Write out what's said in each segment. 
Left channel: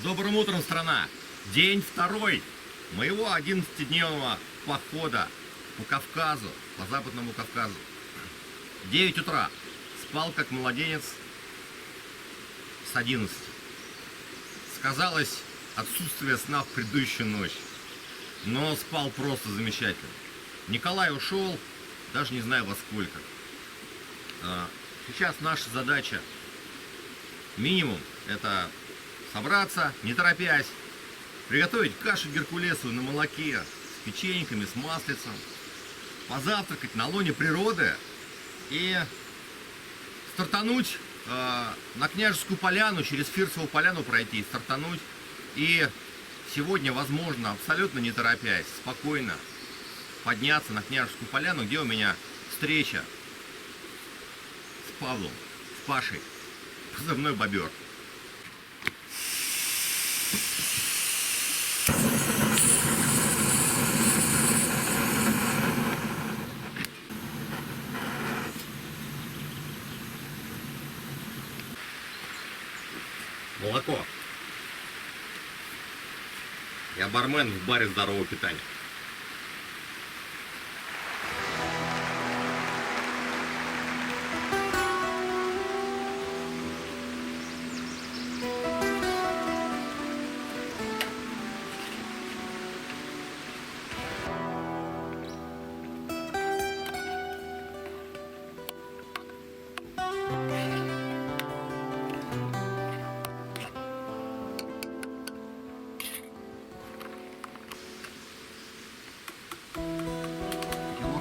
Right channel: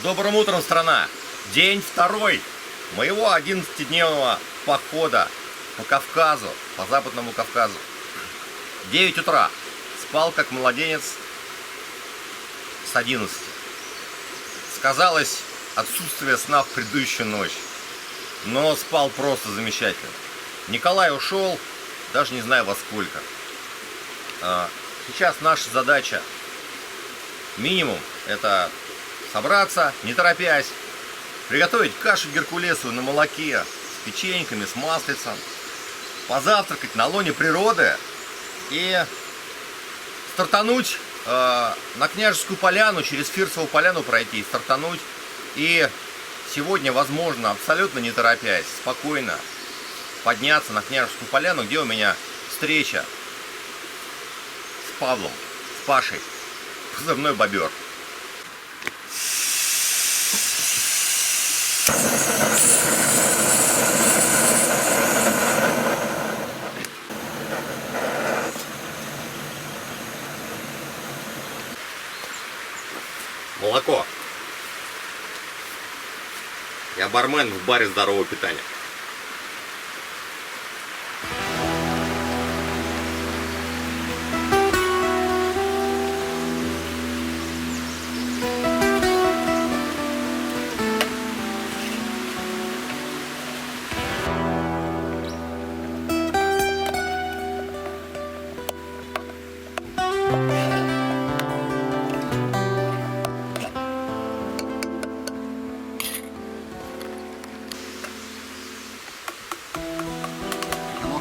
С добрым утром, страна! День второй моего 11-дневного похода по Кавказу, по Западному Кавказу. 9 утра. Спал как младенец с 11. Сказалось отсутствие сна в предыдущую ночь. Но спал просто замечательно. Николай ушел, даже не знаю во сколько. Сейчас наша задача минимум это собраться, не торопясь, приготовить кашу геркулесовую на молоке с печеньками, с маслицем, позавтракать на лоне природы и стартануть на Княжескую поляну, через Фирсову поляну пройти, стартануть и сегодня, возможно, абсолютно не торопясь, спокойно подняться на Княжескую поляну, где у меня встреча с Павлом, с Пашей, позывной Бобер. Молоко. Я бармен в баре здорового питания.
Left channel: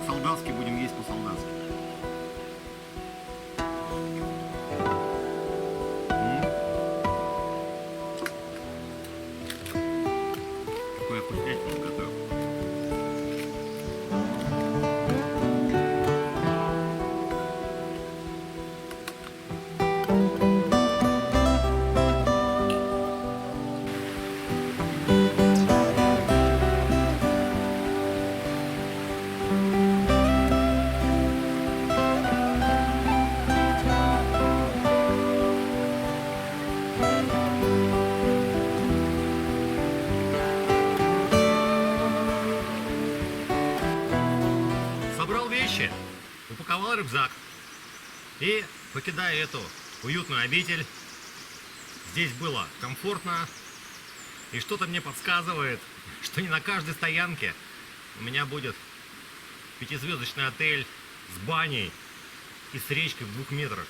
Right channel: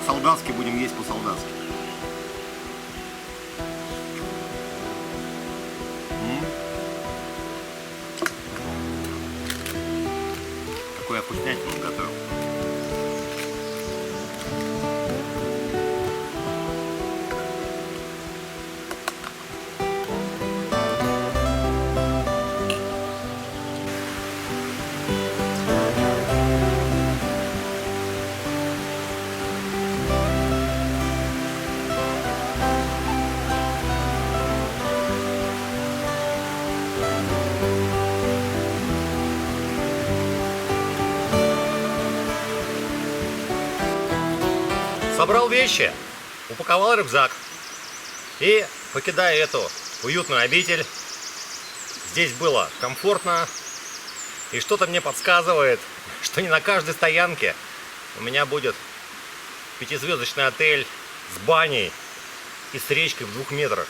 Солдатский будем есть по-солдатски. Какой я вкуснятину готовил. Собрал вещи, упаковал рюкзак и, покидая эту уютную обитель, здесь было комфортно, и что-то мне подсказывает, что не на каждой стоянке у меня будет 5-звездочный отель с баней и с речкой в 2 метрах.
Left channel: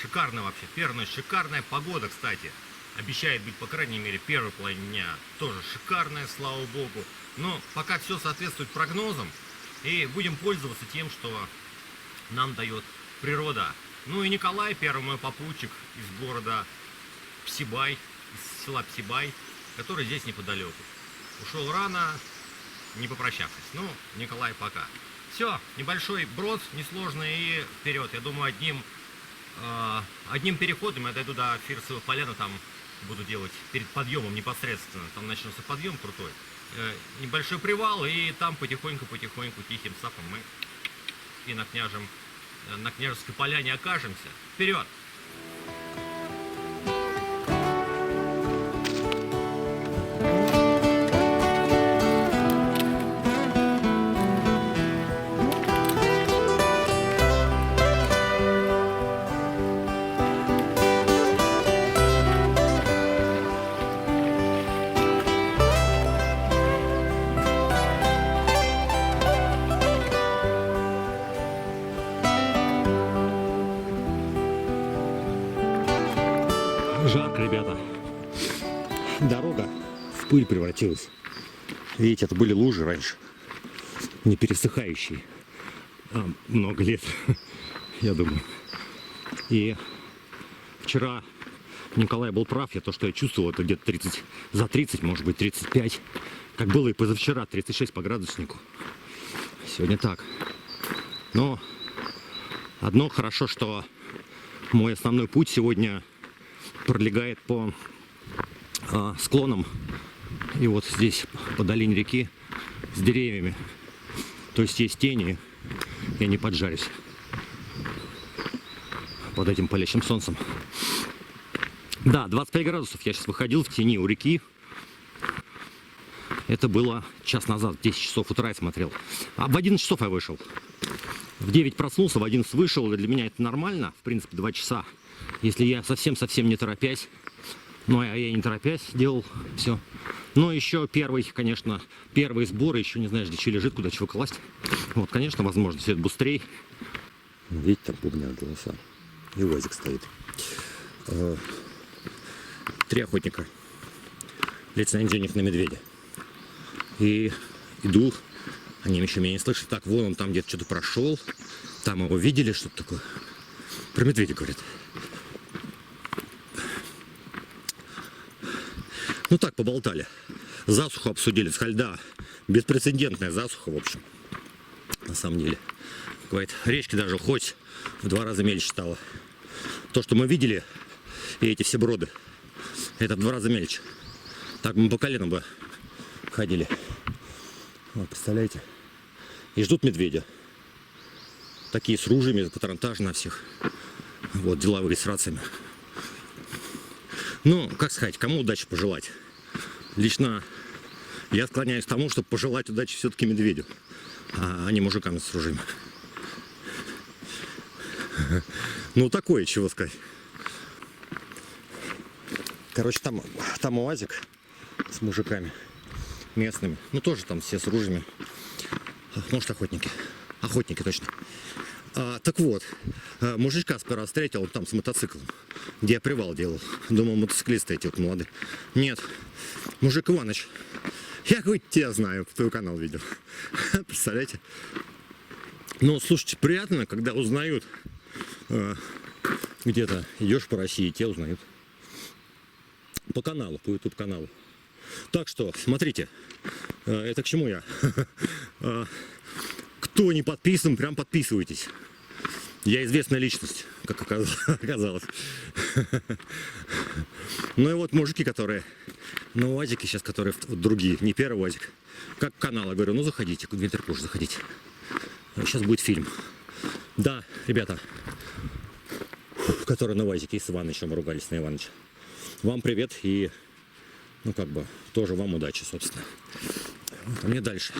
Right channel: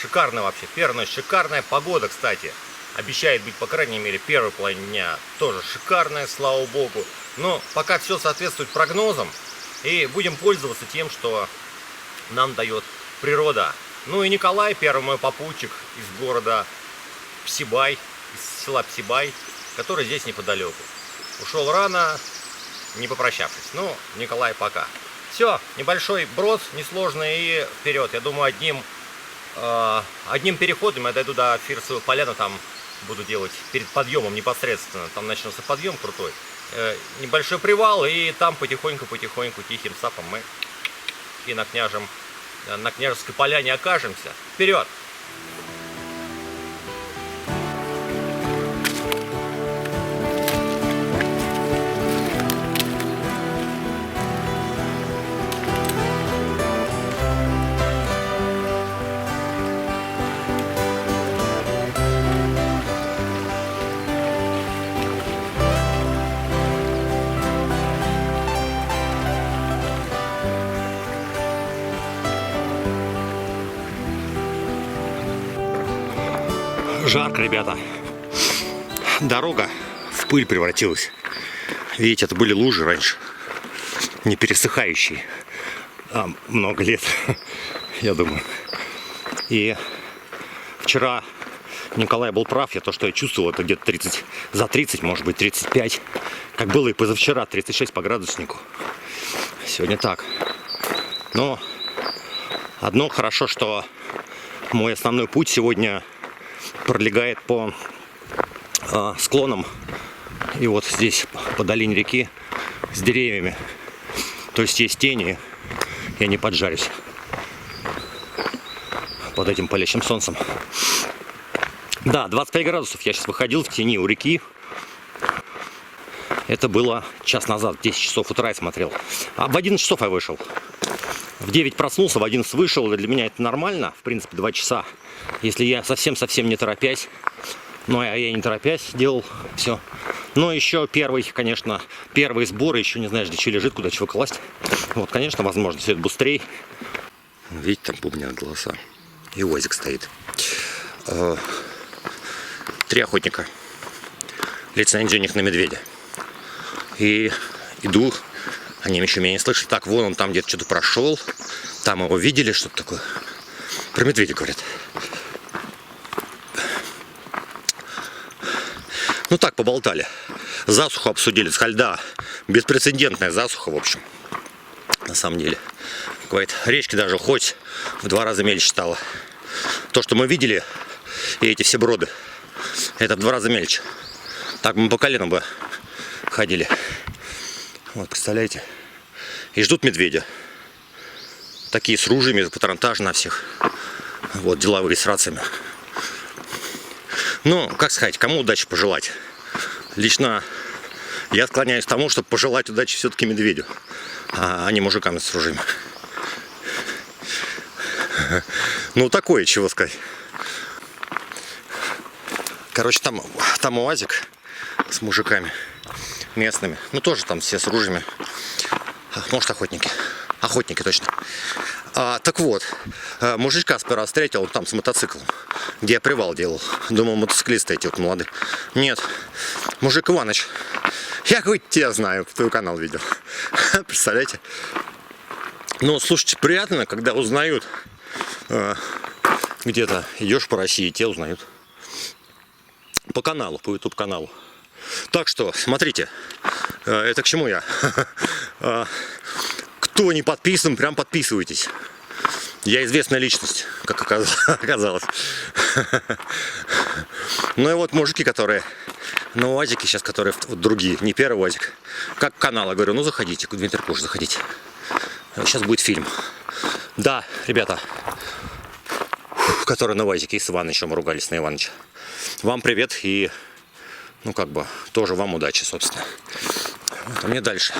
Шикарно вообще, первая ночь шикарная, погода, кстати, обещает быть, по крайней мере, первой половине дня тоже шикарная, слава богу, но пока все соответствует прогнозам. И будем пользоваться тем, что нам дает природа. Ну и Николай, первый мой попутчик из города Псибай, из села Псибай, который здесь неподалеку. Ушел рано, не попрощавшись. Ну, Николай, пока. Все, небольшой брод, несложный, и вперед. Я думаю, одним переходом я дойду до Фирсовой поляны, там буду делать перед подъемом непосредственно. Там начнется подъем крутой. Небольшой привал, и там потихоньку тихим сапом мы и на Княжеской поляне окажемся. Вперед! Жарко, ребята. Дорога в пыль превратилась. Видите, это были лужи раньше, не пересыхающие. Много лет, я думаю. И вчера Николай был прав. То, что я чувствовал, это где-то за 30, может быть 35. Как было и позавчера, 36 по градуснику. Сегодня так. Но одно хорошо, что мой основной путь сегодня пролегает по склонам, и вот здесь по долине реки с деревьями, то есть тени, я не поджарюсь под этим палящим солнцем. Да, 25 градусов. Я сейчас выходил в тени у реки. Это было час назад, в 10 часов утра я смотрел. А в 11 часов я вышел. В 9 проснулся, в 11 вышел. Для меня это нормально, в принципе, 2 часа. Если я совсем-совсем не торопясь. Ну, а я не торопясь делал все. Но еще первые сборы, еще не знаешь, где что лежит, куда чего класть. Вот, конечно, возможно, все это быстрее. Видите, там бубнят голоса. И УАЗик стоит. 3 охотника. Лицензия у них на медведя. И иду, они еще меня не слышали. Так, вон он там где-то что-то прошел. Там его видели, что-то такое. Про медведя говорят. Ну так, поболтали. Засуху обсудили. С льда. Беспрецедентная засуха, в общем. На самом деле. Говорит, речки даже хоть в 2 раза мельче стало. То, что мы видели, и эти все броды, это в 2 раза мельче. Так мы по коленам бы ходили. Вот, представляете? И ждут медведя. Такие с ружьями, патронтаж на всех. Вот, деловые с рациями. Ну, как сказать, кому удачи пожелать? Лично я склоняюсь к тому, чтобы пожелать удачи все-таки медведю, а не мужикам с ружьями. Ну, такое, чего сказать. Короче, там УАЗик с мужиками местными. Ну, тоже там все с ружьями. Может, охотники. Охотники, точно. Так вот, мужичка сперва встретил, он там с мотоциклом, где я привал делал. Думал, мотоциклисты эти вот молодые. Нет, мужик Иваныч. Я хоть тебя знаю, твой канал видел. Представляете? Ну, слушайте, приятно, когда узнают. Где-то идешь по России, те узнают. По каналу, по YouTube каналу. Так что, смотрите, это к чему я? Кто не подписан, прям подписывайтесь. Я известная личность, как оказалось. Ну и вот мужики, которые на УАЗике сейчас, которые вот другие, не первый УАЗик. Как канал, я говорю, ну заходите, Дмитрий Куш, заходите. Сейчас будет фильм. Да, ребята, которые на УАЗике и с Иванычем ругались на Иваныча. Вам привет и, ну как бы, тоже вам удачи, собственно. Вот, а мне дальше.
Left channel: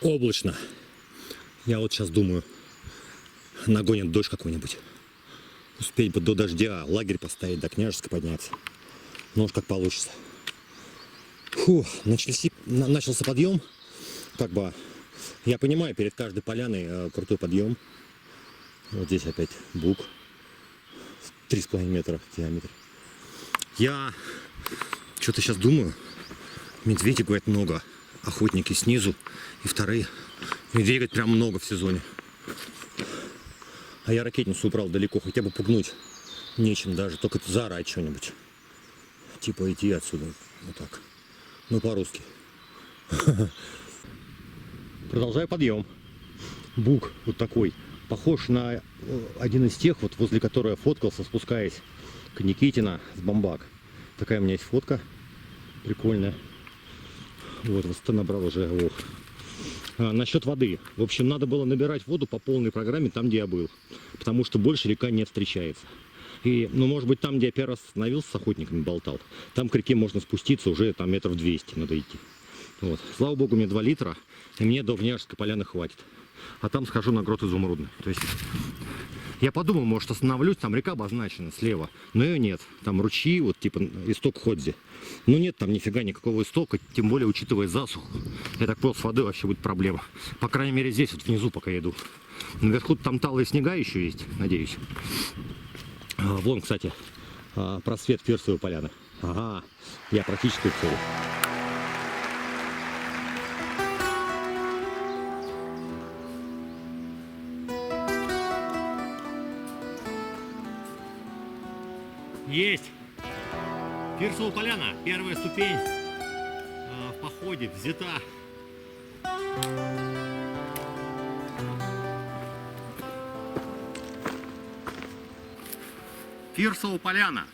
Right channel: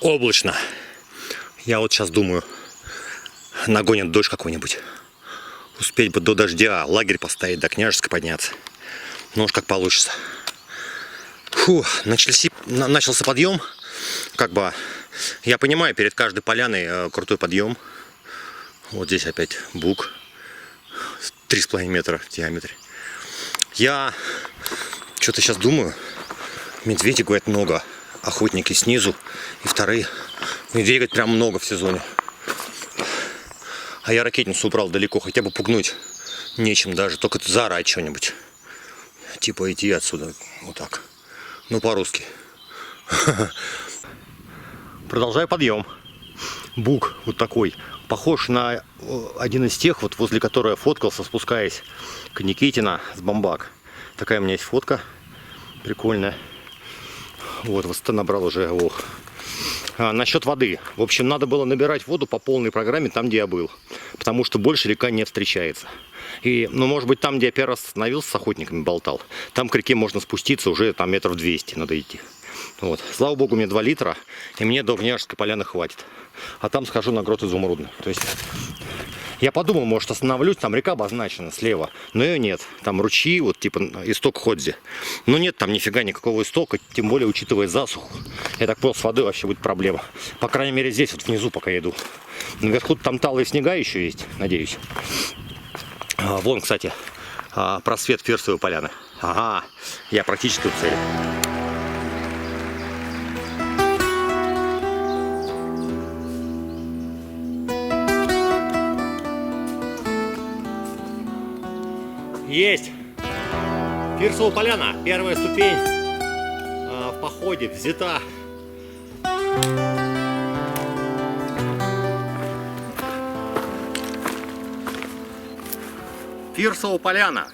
Облачно. Я вот сейчас думаю, нагонит дождь какой-нибудь. Успеть бы до дождя лагерь поставить, до Княжеска подняться. Ну уж как получится. Фу, начался подъем. Как бы, я понимаю, перед каждой поляной крутой подъем. Вот здесь опять бук. 3,5 метра в диаметре. Я что-то сейчас думаю. Медведей, говорят, много. Охотники снизу и вторые. Медведей, говорят, прям много в сезоне. А я ракетницу убрал далеко, хотя бы пугнуть нечем даже, только заорать что-нибудь. Типа идти отсюда, вот так. Ну, по-русски. Продолжаю подъем. Бук вот такой, похож на один из тех, вот возле которого я фоткался, спускаясь к Никитина с Бамбак. Такая у меня есть фотка, прикольная. Вот, высота набрал уже, ох. Насчет воды. В общем, надо было набирать воду по полной программе там, где я был. Потому что больше река не встречается. И, ну, может быть, там, где я первый раз остановился, с охотниками болтал, там к реке можно спуститься уже там метров 200 надо идти. Вот. Слава богу, мне 2 литра, и мне до Княжеской поляны хватит. А там схожу на Грот Изумрудный. То есть я подумал, может, остановлюсь, там река обозначена слева, но ее нет. Там ручьи, вот типа исток Ходзи. Но нет там нифига никакого истока, тем более учитывая засуху. Я так понял, с водой вообще будет проблема. По крайней мере, здесь вот внизу, пока я иду. Наверху там талые снега еще есть, надеюсь. Вон, кстати, просвет Фирсовой поляны. Ага, я практически в цели. Есть! Фирсова поляна, первая ступень в походе взята. Фирсова поляна.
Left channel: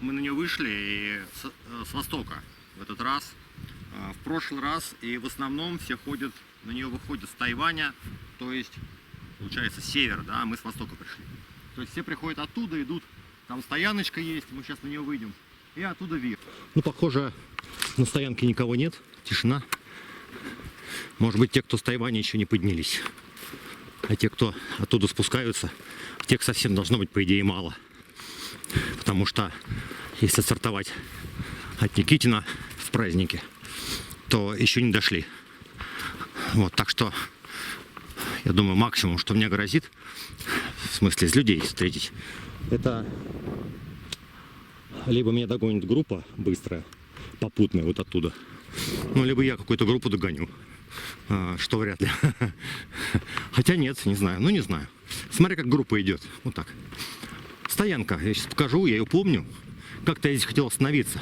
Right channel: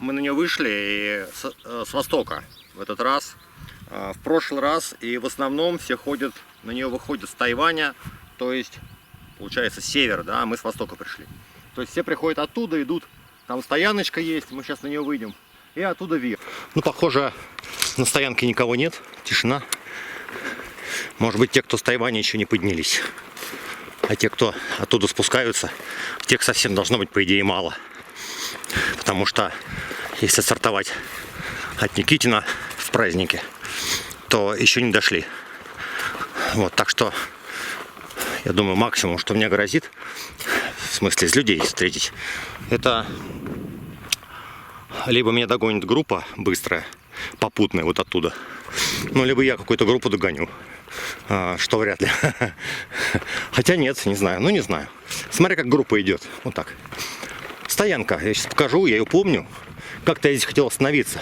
мы на нее вышли и с востока в этот раз. В прошлый раз и в основном все ходят, на нее выходят с Тайваня, то есть получается север, да, мы с востока пришли. То есть все приходят оттуда, идут, там стояночка есть, мы сейчас на нее выйдем, и оттуда вверх. Ну, похоже, на стоянке никого нет, тишина. Может быть, те, кто с Тайваня, еще не поднялись. А те, кто оттуда спускаются, тех совсем должно быть, по идее, мало. Потому что если стартовать от Никитина в празднике, то еще не дошли. Вот, так что я думаю, максимум, что мне грозит, в смысле из людей встретить, это либо меня догонит группа быстрая, попутная вот оттуда, ну, либо я какую-то группу догоню, что вряд ли. Хотя нет, не знаю, ну не знаю. Смотри, как группа идет, вот так. Стоянка, я сейчас покажу, я ее помню. Как-то я здесь хотел остановиться.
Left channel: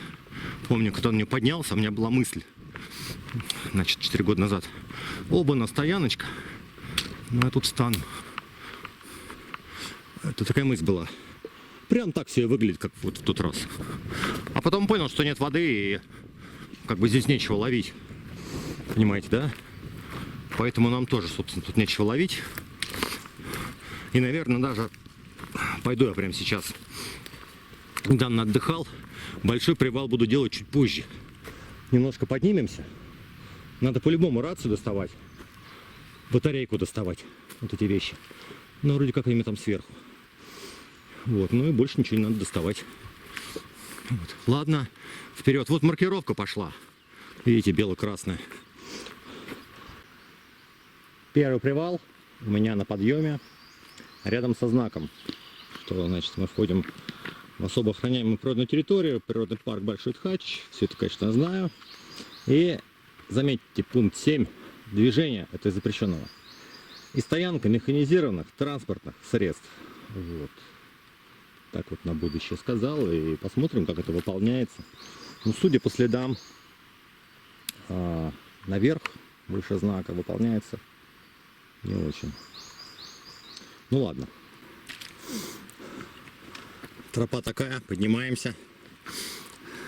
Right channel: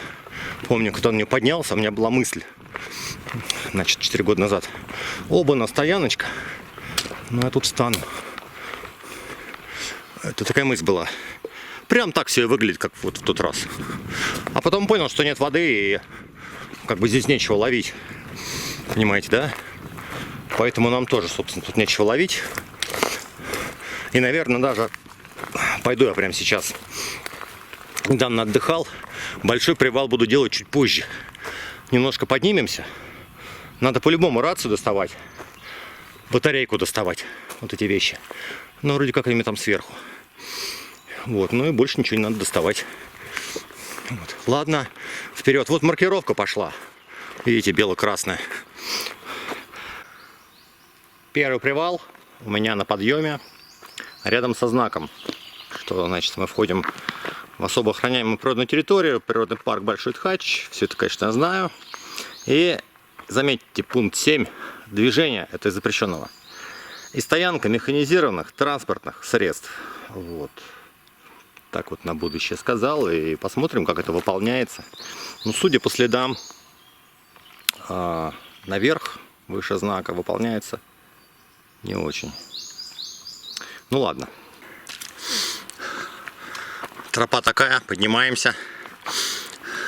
Помню, когда он мне поднялся, у меня была мысль, значит, 4 года назад. Оба-на, стояночка. Ну, я тут встану. Это такая мысль была. Прям так все выглядит, как вот в тот раз. А потом понял, что нет воды и как бы здесь нечего ловить. Понимаете, да? Поэтому нам тоже, собственно, тут нечего ловить. И, наверное, даже пойду я прямо сейчас. Недавно отдыхал. Большой привал буду делать чуть позже. Немножко поднимемся. Надо по-любому рацию доставать. Батарейку доставать. Вот эти вещи. Ну, вроде как они там сверху. Вот, ну и больше ничего не надо доставать. Вот. Ладно, вперед. Вот маркировка пошла. Видите, бело-красная. Первый привал у меня на подъеме. Рядом со знаком. Что, значит, мы входим в особо охраняемую природную территорию. Природный парк Большой Тхач. Все это, конечно, я знаю. И заметьте, пункт 7. Движение это из запрещенного. И стоянка механизированных транспортных средств. Вот. Так вот на будущее сказал. И посмотрим, как это выполняется. Ну, судя по следам, наверх, выше знака, выполняется не очень. Ну ладно. Тропа такая, поднимаемся.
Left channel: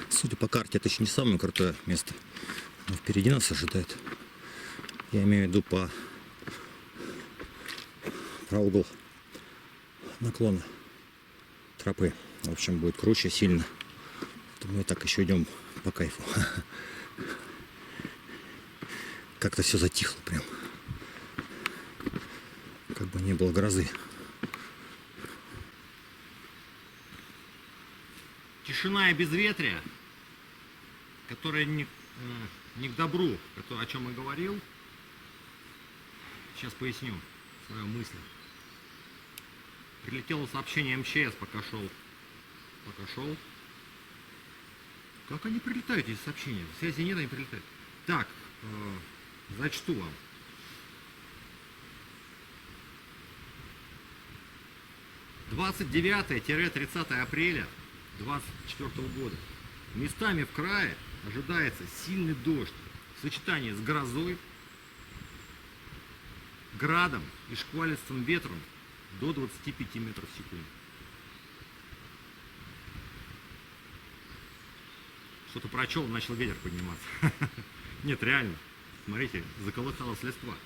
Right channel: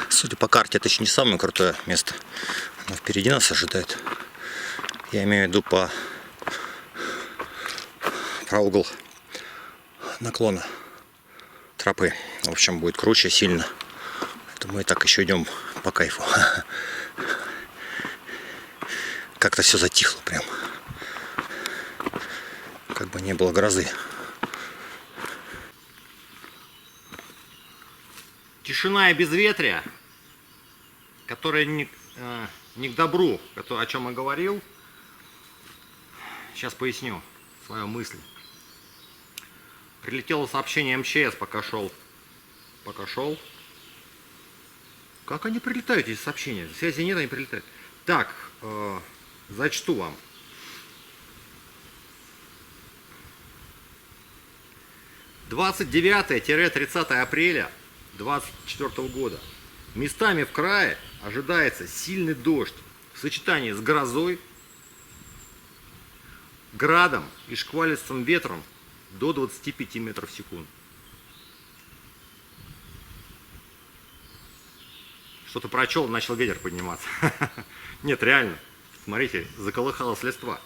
Судя по карте, это еще не самое крутое место. Оно впереди нас ожидает. Я имею в виду про угол наклона тропы. В общем, будет круче сильно. Это мы и так еще идем по кайфу. Как-то все затихло прям. Как бы не было грозы. Тишина и безветрие, которая не к добру, о чем я говорил. Сейчас поясню свою мысль. Прилетело сообщение МЧС, пока шел. Как они прилетают, эти сообщения? Связи нет, они прилетают. Так, зачту вам. – 29-30 апреля 2024 года. Местами в крае ожидается сильный дождь в сочетании с грозой, градом и шквалистым ветром до 25 метров в секунду. Что-то прочел, начал ветер подниматься. Нет, реально. Смотрите, заколыхалась листва.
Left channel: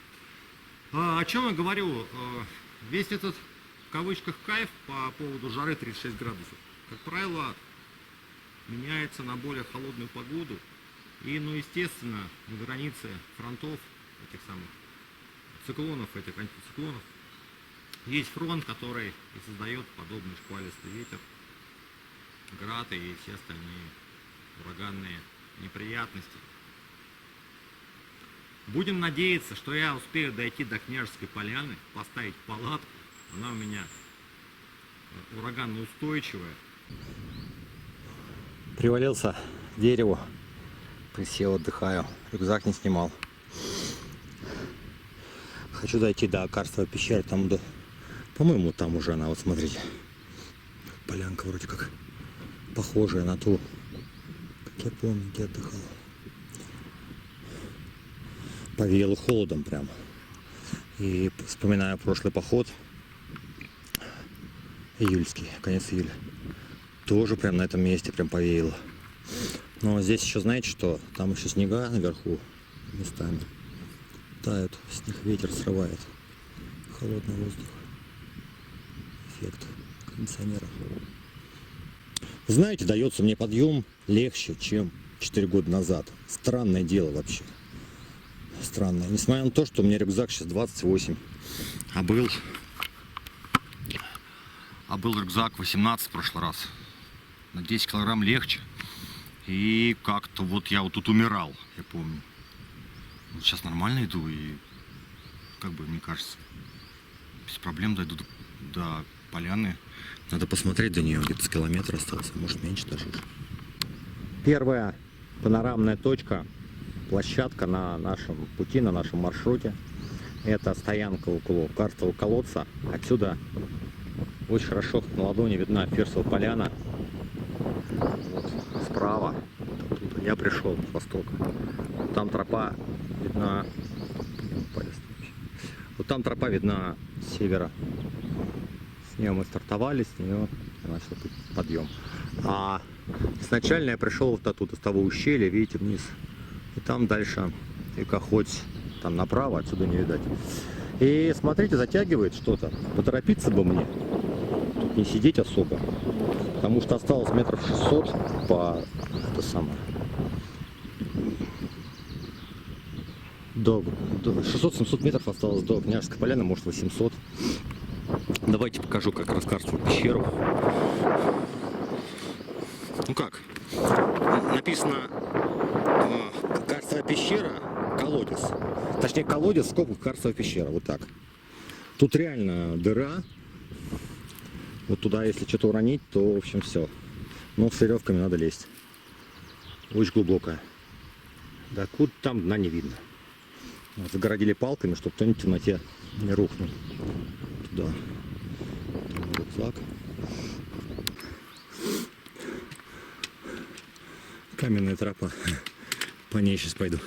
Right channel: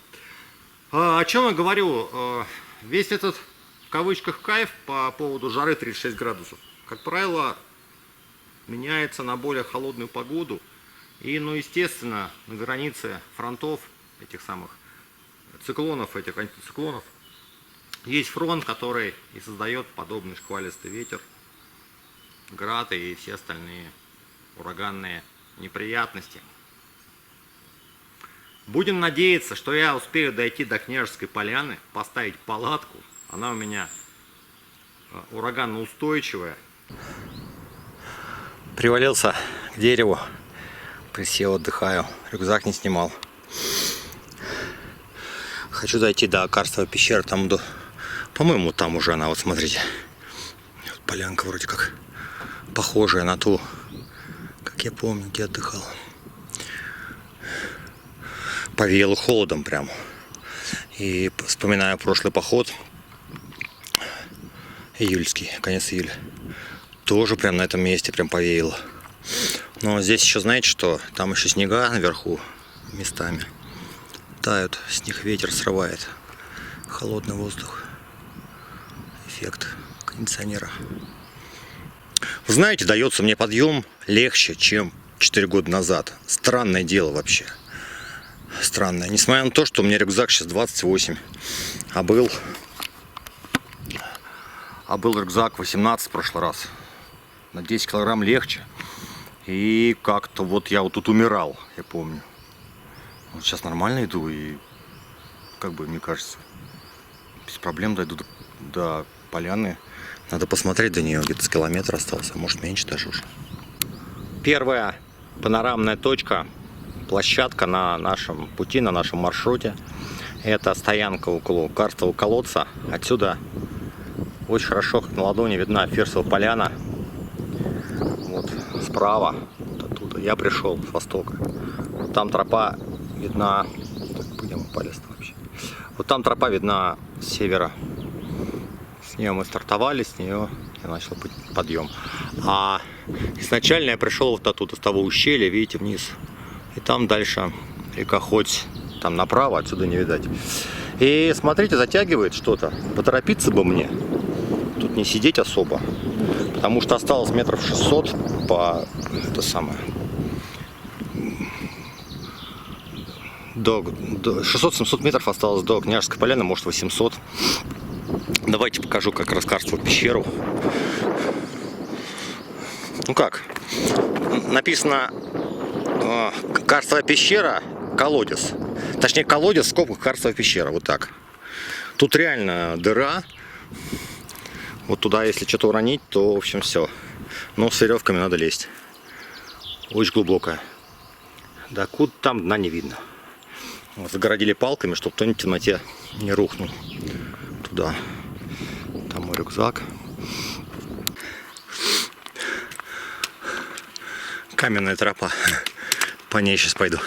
О чем я говорю? Весь этот, в кавычках, кайф по поводу жары 36 градусов, как правило, меняется на более холодную погоду. И, ну, естественно, на границе фронтов этих самых циклонов, этих антициклонов, есть фронт, который и создает подобный шквалистый ветер, град и все остальные ураганные неприятности. Будем надеяться, что я успею дойти до Княжеской Поляны, поставить палатку. Она у меня ураганно-устойчивая. Привалился к дереву, присел, отдыхаю, рюкзак не снимал. Хочу дойти до карстовой пещеры, там до... По-моему, там уже она, вот смотрите. Полянка вроде как похожая на ту, как я помню, где отдыхал. Повеяло холодом прям. И вспоминаю прошлый поход, июльский, конец июля. Тоже прям на этом месте прям повеяло. Но здесь еще, знаете что, там еще снега наверху местами тают, с них ветер срывает. Холодный воздух. Эффект кондиционера. Вы знаете, дается мне подъем легче, чем 4 года назад. Странное дело вообще. Странное. Несмотря на то, что у меня рюкзак сейчас 28, а был рюкзак 18 в прошлый раз. На 10 килограмм легче. И как-то вот я вот тут умирал, я помню. Вот сейчас нормально иду и, как бы, мне кажется, без проблем дойду до поляны. Надо посмотреть до нее, где-то с километра остался, а может меньше даже уже. Первая панорамная точка, площадка на нашем пути, на нашем маршруте. Это стоянка около карстового колодца. Отсюда очень хорошо, как на ладони, видна Фирсова поляна. Вот справа, вот оттуда я пришел с востока. Вот там тропа видна. Так, где мы упали вообще? Вот там тропа видна с севера. С нее мы стартовали, с нее я начал подъем. А изначально я пришел вот оттуда, с того ущелья, видите, вниз. И там дальше река Хоть, там направо, отсюда не видать. И смотрите, затягивает что-то. Поторопиться бы мне. Тут не сидеть особо. Потому что осталось метров 600 по... Это самое... До 600-700 метров осталось до Княжеской поляны, может 800. Давайте покажу как раз карстовую пещеру. Ну как? Написано карстовая пещера, колодец. Точнее колодец в скобках карстовая пещера. Вот так. Тут реально дыра. Вот туда, если что-то уронить, то, в общем, все. Но с веревками надо лезть. Очень глубокая. Да куда там дна не видно. Вот, загородили палками, чтобы кто-нибудь в темноте не рухнул туда. Там мой рюкзак. Каменная тропа. По ней сейчас пойду.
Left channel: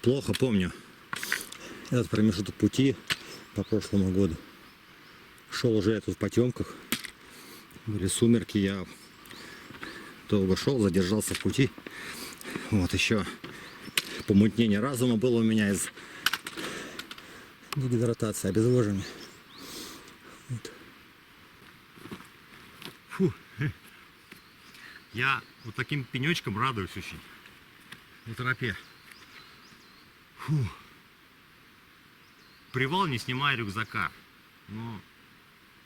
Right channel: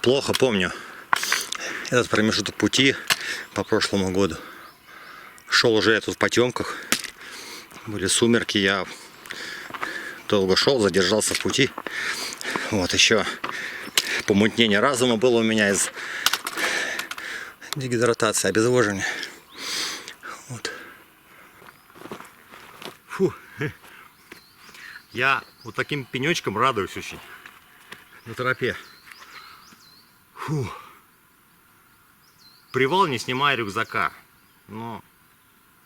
Плохо помню этот промежуток пути по прошлому году. Шел уже я тут в потемках. Были сумерки, я долго шел, задержался в пути. Вот еще помутнение разума было у меня из дегидратации, обезвоживания. Вот. Фу. Я вот таким пенечком радуюсь очень на тропе. Фу. Привал, не снимая рюкзака. Но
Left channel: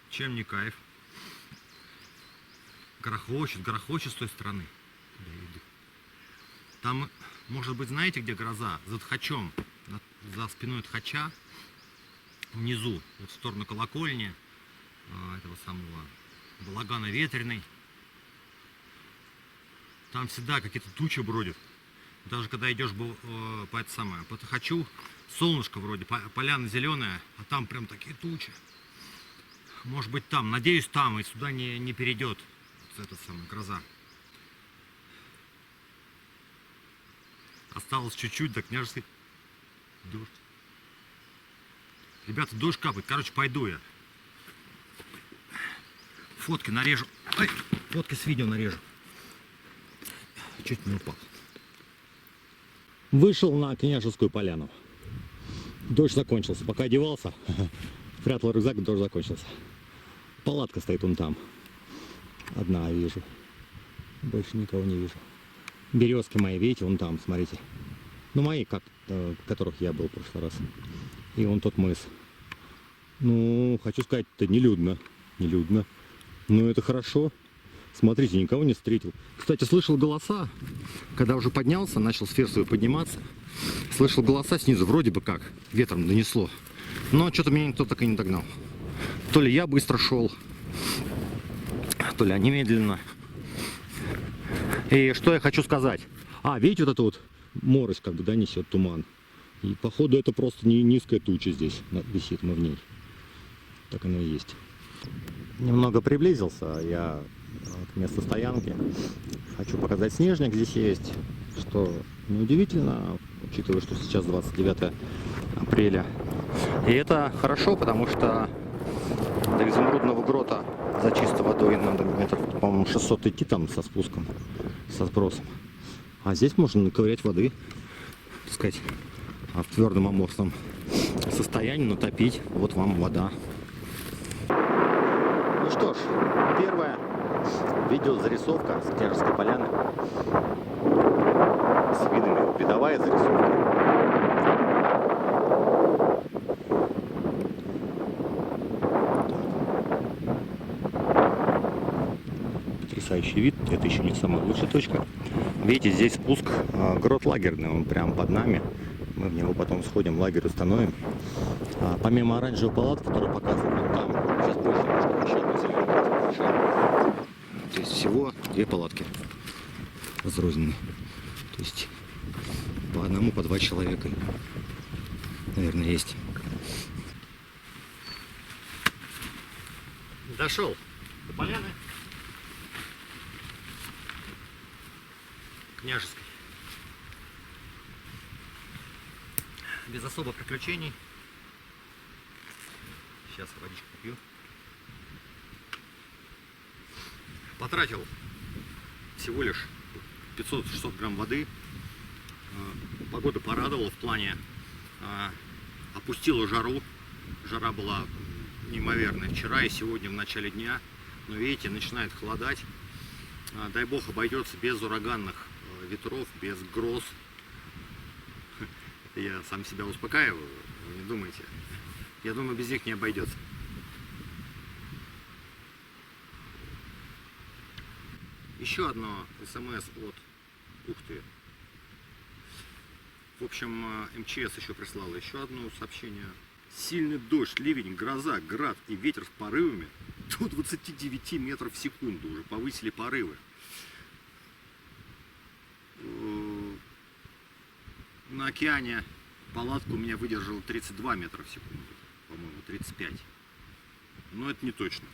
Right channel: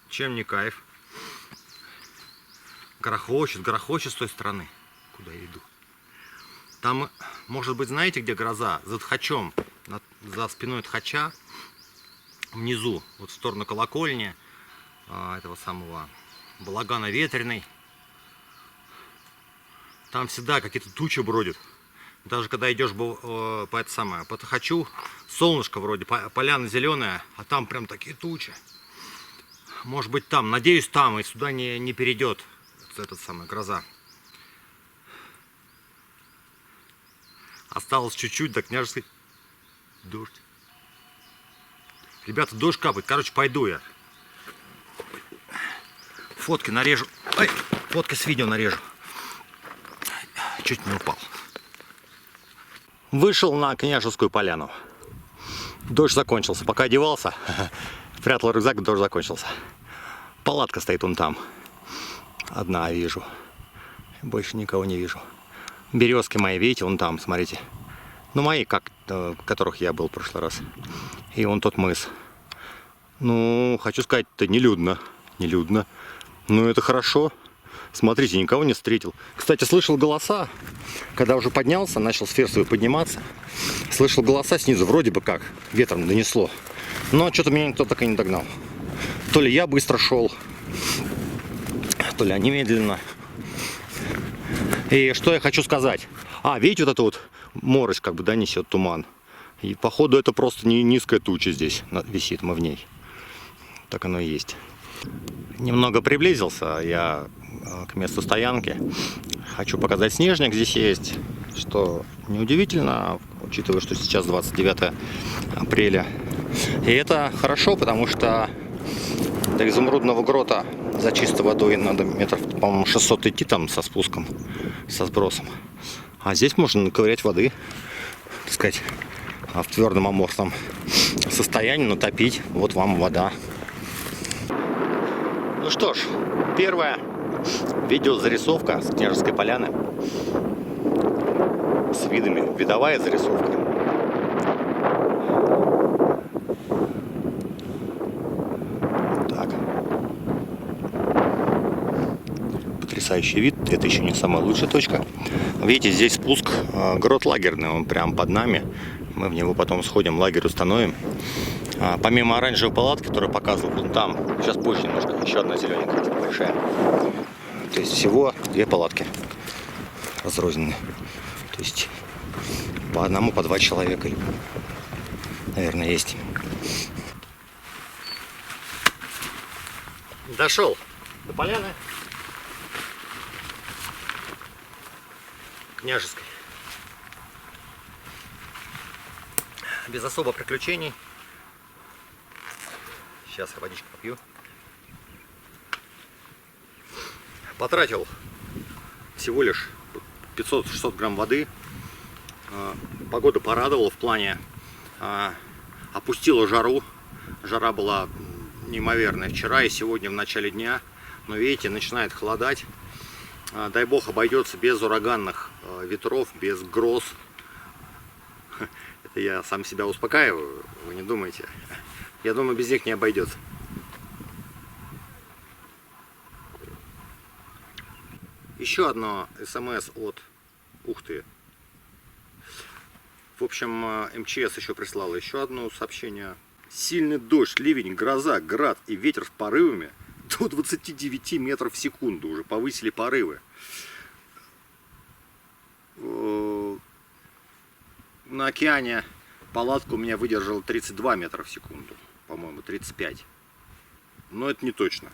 чем не кайф. Грохочет с той стороны, куда я иду. Там, может быть, знаете, где гроза? За Тхачом, за спиной Тхача, внизу, вот в сторону колокольни, этого самого балагана ветреный. Там всегда какие-то тучи бродят. Даже когда идешь по Тхачу, солнышко вроде, поляна зеленая, а там прям такие тучи. Может быть там, надеюсь там, и сюда не перейдет этот самый гроза. Осталось чуть-чуть до Княжеской. Дождь. Ребята, дождь капает. Короче, пойду я. Фотки нарежу. Ай, фотки с видео нарежу. Чуть не упал. Вышел на Княжескую поляну. Дождь закончился. Пока одевался, прятал рюкзак, дождь закончился. Палатка стоит вон там. Одна вижу. Больше никого не вижу. Березки мои, видите, вон там, смотрите. Ну, мои, в которых я был в прошлый раз. И вон тот мыс. Ну, хочу сказать, это нелюдно. Нелюдно. Ну, это хорошо. Смотрите, никого не встретил. Кстати, слышал голоса. Когда уже поднялся, начал с Фирсовой подниматься. Слышал голоса снизу, вроде бы как. Ветром донесло. Но что-то меня никто так и не догнал. То ли я быстро шел, то ли они медленно. И что я хочу сказать. Видите, вот это вот морось как бы, да, несет туман. И походу это просто не низкая туча здесь висит, мы в ней. Так оно и есть. Немного приблизился я к месту стоянки. Хочу показать снежник здесь есть, что неудивительно, учитывая, что сейчас 29 апреля. И это хорошо, потому что До Изумрудного грота за чистой водой надо метров, по-моему, 600 идти там со спуском, со сбросом. А здесь можно наковырять воды, так сказать, в твердом аморфном состоянии, натопить. Вот вам вода. Ну что ж, первая видеозарисовка с Княжеской поляны. С видами. Видовая зарисовка. Так. Потрясающий вид. Это еще не самая лучшая точка. Видите, здесь спуск. Грот лагерный, он прям под нами. Мы в него потом сходим, лагерь установим. Помимо оранжевой палатки, которую показывал вон там, сейчас позже немножко, еще одна зелененькая, большая. То есть всего 2 палатки разрозненные. То есть по одному, по 2 человека, наверное, есть. Дошел до поляны Княжеской. Без особо приключений. Сейчас я водичку попью. Потратил всего лишь 500-600 грамм воды. Погода порадовала в плане опустила жару. Жара была неимоверная вчера и сегодня в начале дня. Но видите, начинает холодать. Дай бог обойдется без ураганных ветров, без гроз. Это я сам себя успокаиваю, вы не думайте. Я думаю, без них не обойдется. Еще одно СМС от Ухты. В общем, МЧС еще прислала еще одно сообщение. Сильный дождь, ливень, гроза, град и ветер с порывами до 29 метров в секунду. Уже повысили порывы. На океане палатка у меня выдержала 32 метра в секунду. По-моему, 35. Но это не точно.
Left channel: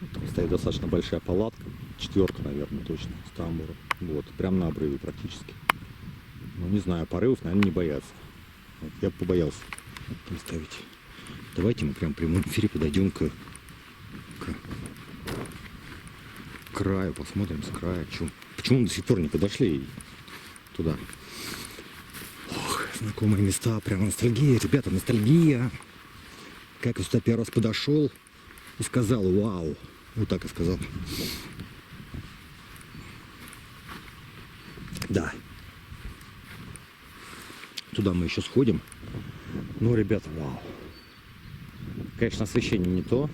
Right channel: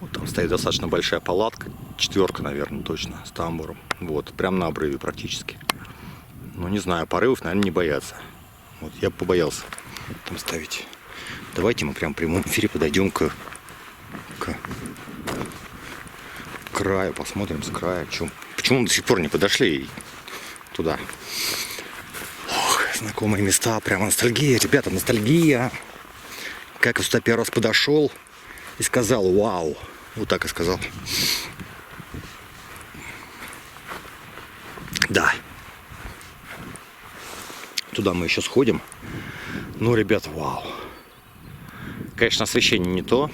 Вот там стоит достаточно большая палатка. 4, наверное, точно, с тамбуром. Вот, прям на обрыве практически. Ну, не знаю, порывов, наверное, не боятся. Вот, я бы побоялся там ставить. Давайте мы прям в прямом эфире подойдем к краю, посмотрим с края. Почему мы до сих пор не подошли туда? Ох, знакомые места, прямо ностальгия, ребята, ностальгия. Как я сюда первый раз подошел и сказал вау. Вот так и сказал. Да. Туда мы еще сходим. Ну, ребят, вау. Конечно, освещение не то,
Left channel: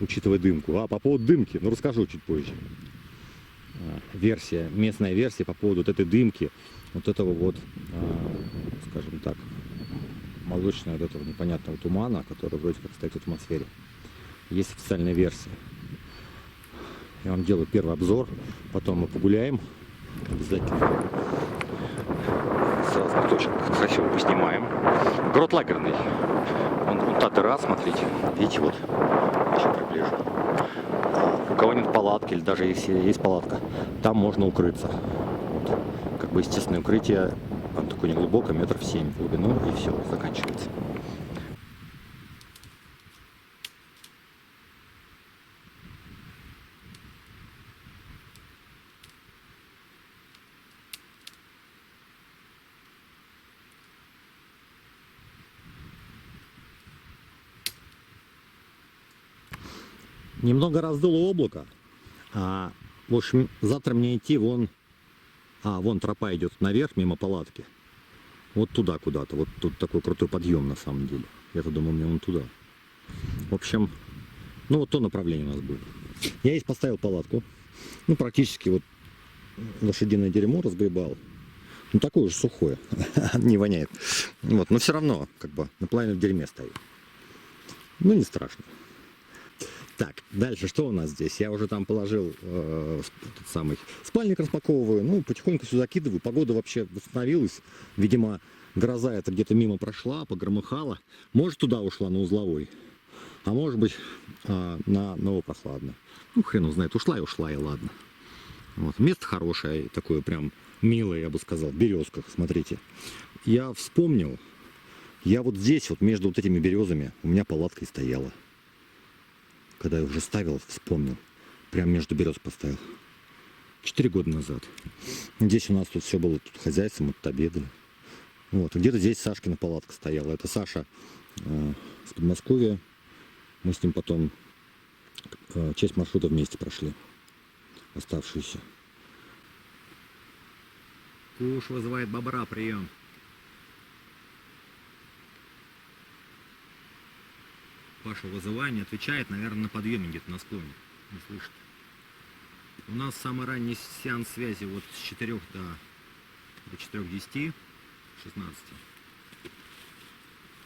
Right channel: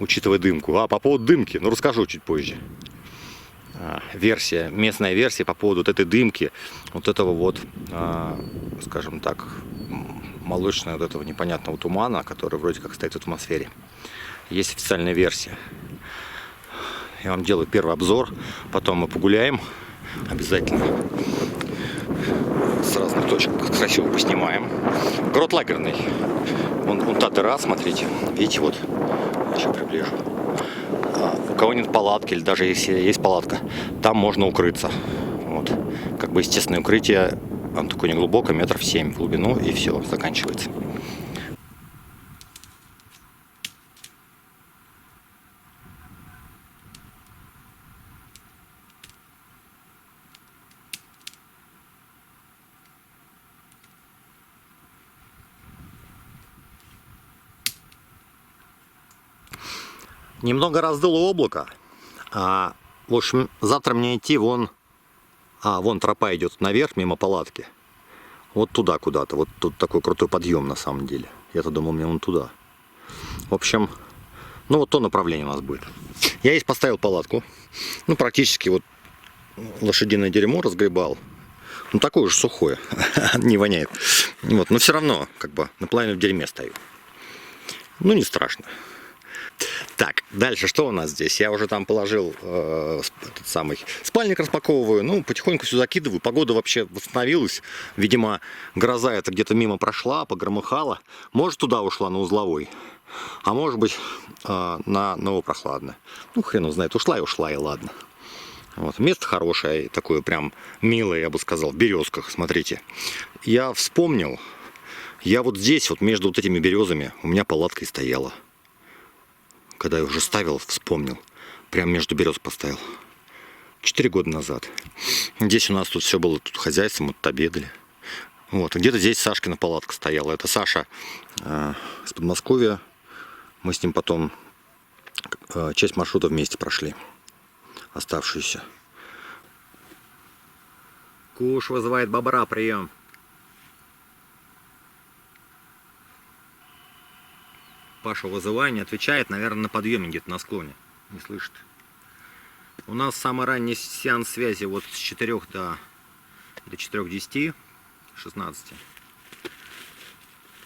учитывая дымку. По поводу дымки, ну, расскажу чуть позже. Версия, местная версия по поводу вот этой дымки, вот этого вот, скажем так, молочного вот этого непонятного тумана, который вроде как стоит в атмосфере. Есть официальная версия. Я вам делаю первый обзор, потом мы погуляем обязательно. С разных точек красиво поснимаем. Грот лагерный. Вон та дыра, смотрите. Видите, вот. Сейчас приближу. У кого нет палатки, или даже если есть палатка, там можно укрыться. Вот. Как бы естественное укрытие. Оно такое неглубокое, 7 метров в глубину, и все, заканчивается. Немного раздуло облако. В общем, завтра мне идти вон тропа идет наверх, мимо палатки. Вот туда куда-то. Вот тут такой крутой подъем на самом деле. Я-то думал, мне вон туда. В общем, ну вот то направление у нас будет. Я здесь поставил палатку. Ну, практически вот лошадиное дерьмо разгребал. Ну, такое уже сухое. Не воняет. Вот, но все равно, как бы, наполовину в дерьме стою. Ну, не страшно. Так, дальше что у нас здесь? Я уже там положил этот самый спальник, распаковываю. Ну, потихоньку все закидываю. Погода вообще восстановилась. Видимо, гроза это где-то мимо прошла, погромыхала. Может, туда ушла на Узловой. А может быть, на Новопрохладное. Ну, хрен его знает. Ушла и ладно. Вот. Место хорошее, такое прям милое, я бы сказал, в березках. Смотрите. Я вспомнил. Я вот здесь, вот между вот этими березами, у меня палатка и стояла. когда я уже ставил, вспомнил. Прям между берез поставил. 4 года назад. Здесь у нас тут все было, тут хозяйство, мы тут обедали. Вот, где-то здесь Сашкина палатка стояла. Это Саша с Подмосковья. Мы с ним потом часть маршрута вместе прошли. Оставшуюся. Куш вызывает бобра, прием. Паша вызывает, не отвечает, наверное, на подъеме где-то на склоне. Не слышит. У нас самый ранний сеанс связи вот с 4 до 4:10, 16.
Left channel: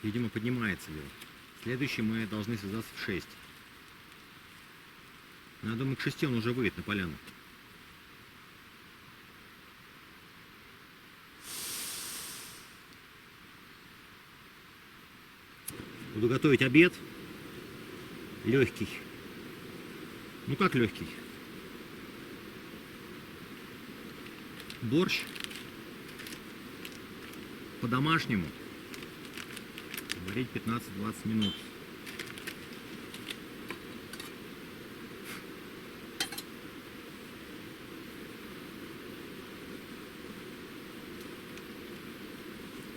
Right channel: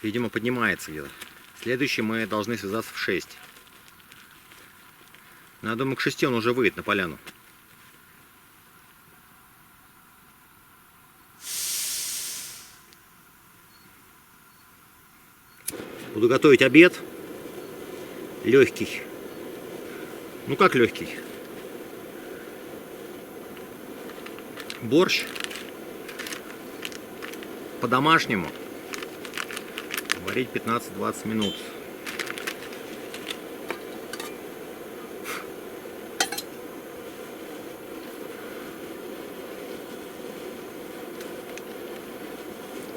Видимо, поднимается где-то. Следующий мы должны связаться в 6. Но я думаю, к 6 он уже выйдет на поляну. Буду готовить обед. Легкий. Ну как легкий? Борщ. По-домашнему. Варить 15-20 минут.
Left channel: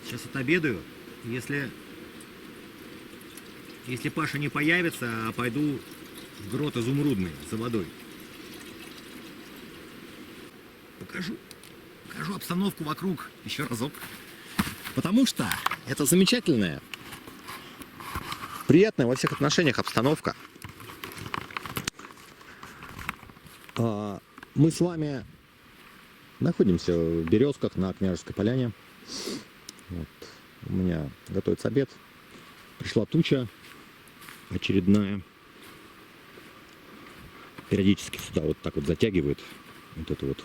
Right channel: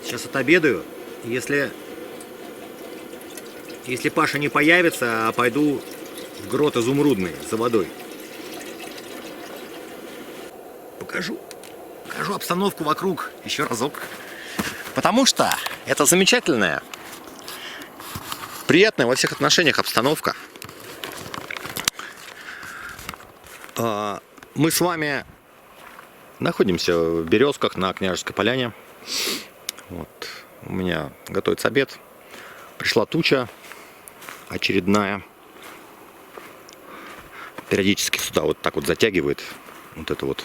Сейчас отобедаю. Если Паша не появится, пойду в грот Изумрудный за водой. Покажу обстановку вокруг еще разок. Потому что это замечательная, приятная во всех отношениях обстановка. Мы с вами находимся в Березках на Княжеской поляне. Вот. У меня готовится обед. Пришла туча очередная. Периодически сюда вот так вот затягивает вот эту вот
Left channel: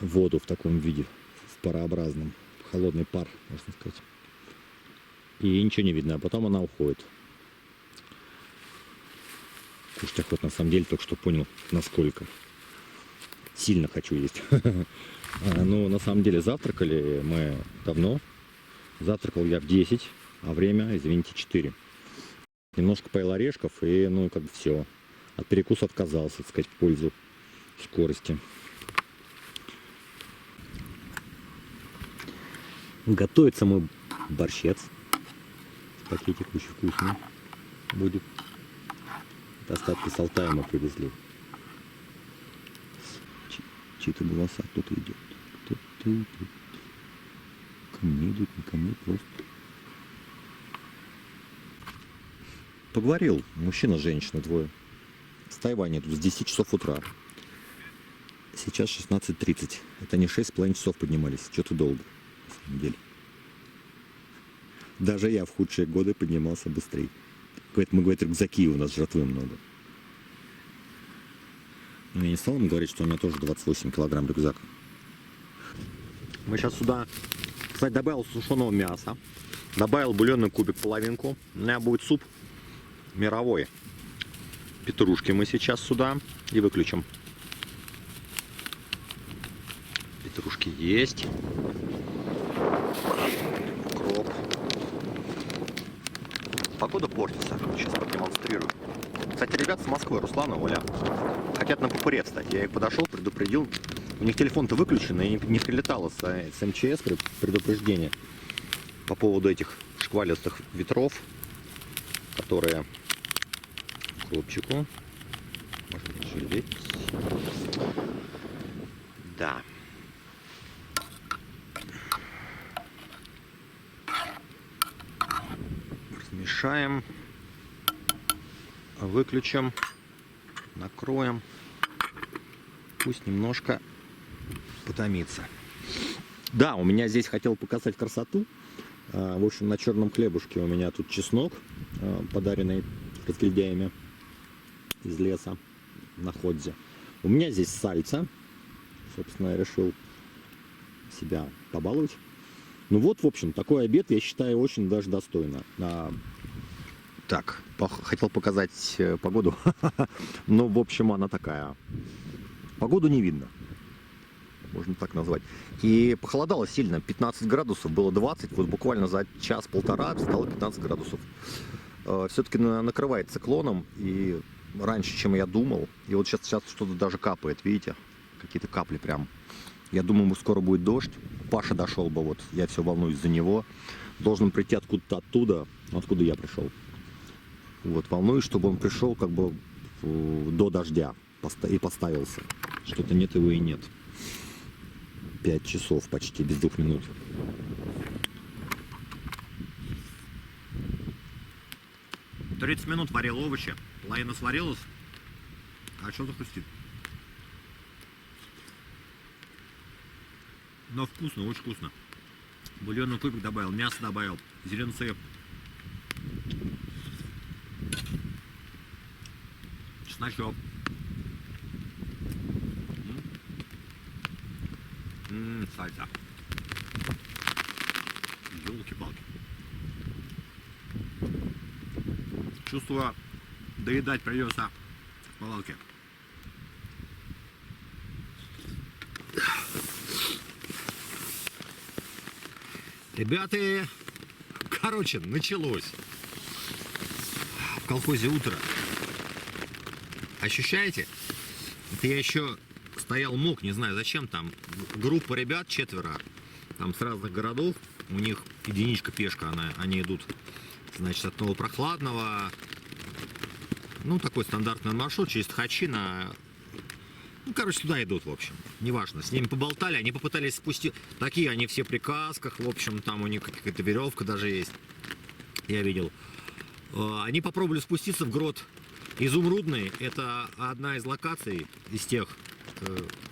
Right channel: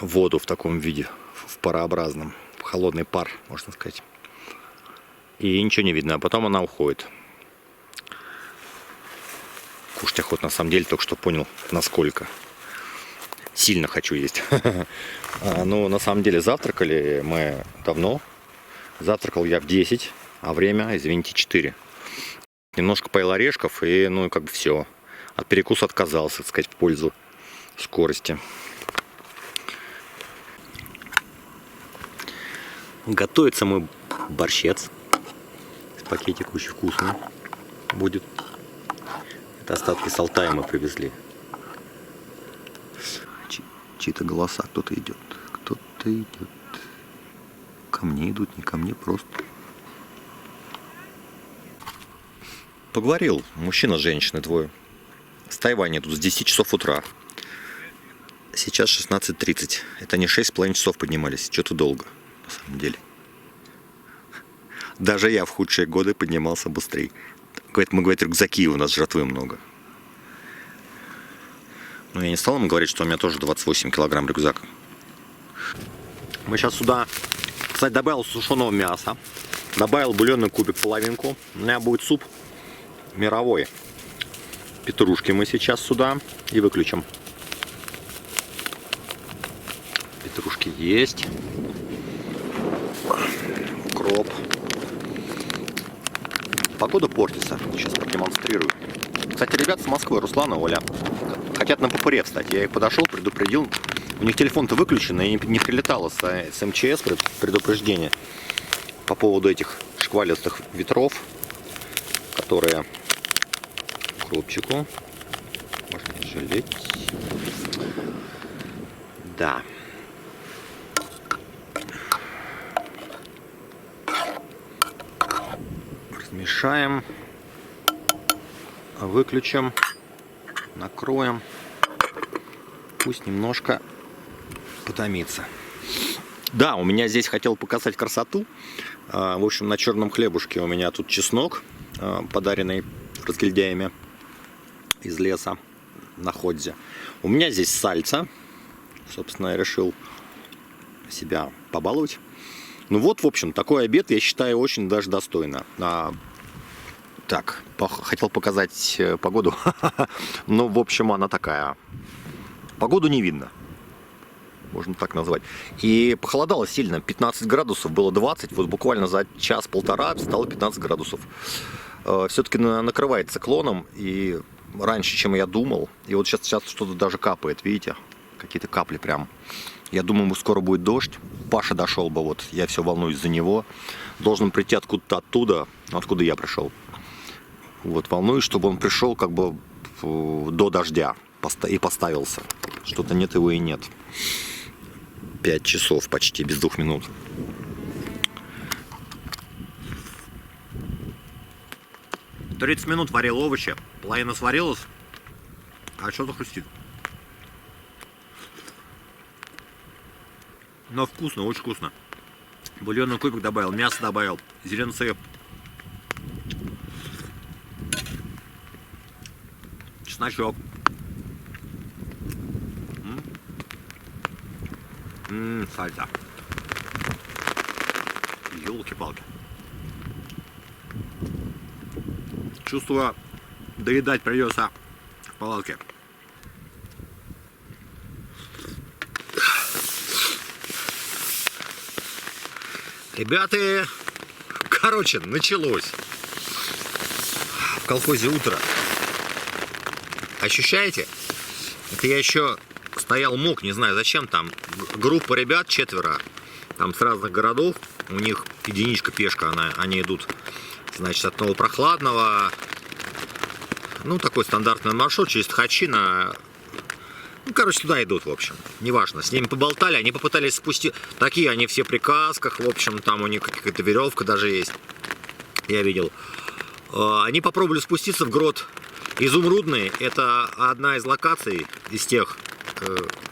воду в таком виде, в парообразном, в холодный пар, можно сказать. И ничего не видно, а потом она уходит. Кушать охота, на самом деле, только что понял, насколько. Сильно хочу есть. Но на самом деле завтракали мы давно. Завтракал я в 10, а время, извините, 4. Немножко поел орешков и, ну, как бы все. От перекуса отказался, так сказать, в пользу скорости. Готовится мой борщец. Пакетик очень вкусный будет. Это остатки с Алтая мы привезли. Чьи-то голоса, кто-то идет. Кто-то идет. Ко мне идут, не ко мне, просто. Поговорил. Мужчина с женщиной, двое. С Тайваня тут с 10 часов утра. Сейчас 16:30. Это не 6,5 часов поднимались. Что-то долго, на самом деле. Даже я в худшие годы поднимался быстрее. Мы, говорит, рюкзаки, у нас жратвы много. Но я не стал ему говорить, что у меня тоже 28 килограмм рюкзак. Мы сейчас сюда, кстати, добавил сушеного мяса. Добавил бульонный кубик, половинку. У меня будет суп мировой. Петрушки мы сейчас сюда и выключим. Петрушки есть. Укроп. Погода портится. Сейчас продемонстрирую. Кстати, ребята с Москвы, Руслан и Оля, хотят на ППР встать. Я их подошел, предупредил. У них телефон-то выключен, и не прилетало с МЧС предупреждение по поводу этих шквалистых ветров, которые укропчику. Можно жалеть. Да. Размешаем. Выключим. Накроем. Пусть немножко потомится. Да, у меня здесь хотел показать красоту. В общем, на черном хлебушке у меня тут чеснок, подаренный разгильдяями из леса на Ходзе. У меня здесь сальца. Собственно, я решил себя побаловать. Ну вот, в общем, такой обед, я считаю, очень даже достойно. Так, хотел показать погоду. Ну, в общем, она такая. Погоду не видно. Можно так назвать. И похолодало сильно. 15 градусов, было 20. Вот буквально за час-полтора стало 15 градусов. все-таки накрывает циклоном, и раньше, чем я думал. И вот сейчас что-то даже капает, видите? Какие-то капли прям. Я думаю, скоро будет дождь. Паша дошел бы, вот я все волнуюсь за него. Должен прийти откуда-то оттуда, откуда я пришел. Вот, волнуюсь, чтобы он пришел как бы до дождя и поставился. Что-то нет его и нет. 5 часов почти, без 2 минут. «30 минут варил овощи, половина сварилась, а что-то хрустит. Но вкусно, очень вкусно. Бульонный кубик добавил, мясо добавил, зеленцы, чесночок. Сальса. Ёлки-палки. Чувствую, доедать придется в палатке. Ребята, короче, началось. В колхозе утро. Ощущаете? Это я еще стоял, мог, не знаю зачем, там группа ребят, 4, там с разных городов, у них единичка пешка, они идут, значит, от Новопрохладного, ну, такой стандартный маршрут через Тхачи на... Ну, короче, туда идут, в общем. Неважно. С ними поболтали, они попытались спустить. Такие они все при касках, в общем, там у них какая-то веревка даже есть. Я видел. Они попробовали спуститься в грот Изумрудный. Это одна из локаций из тех,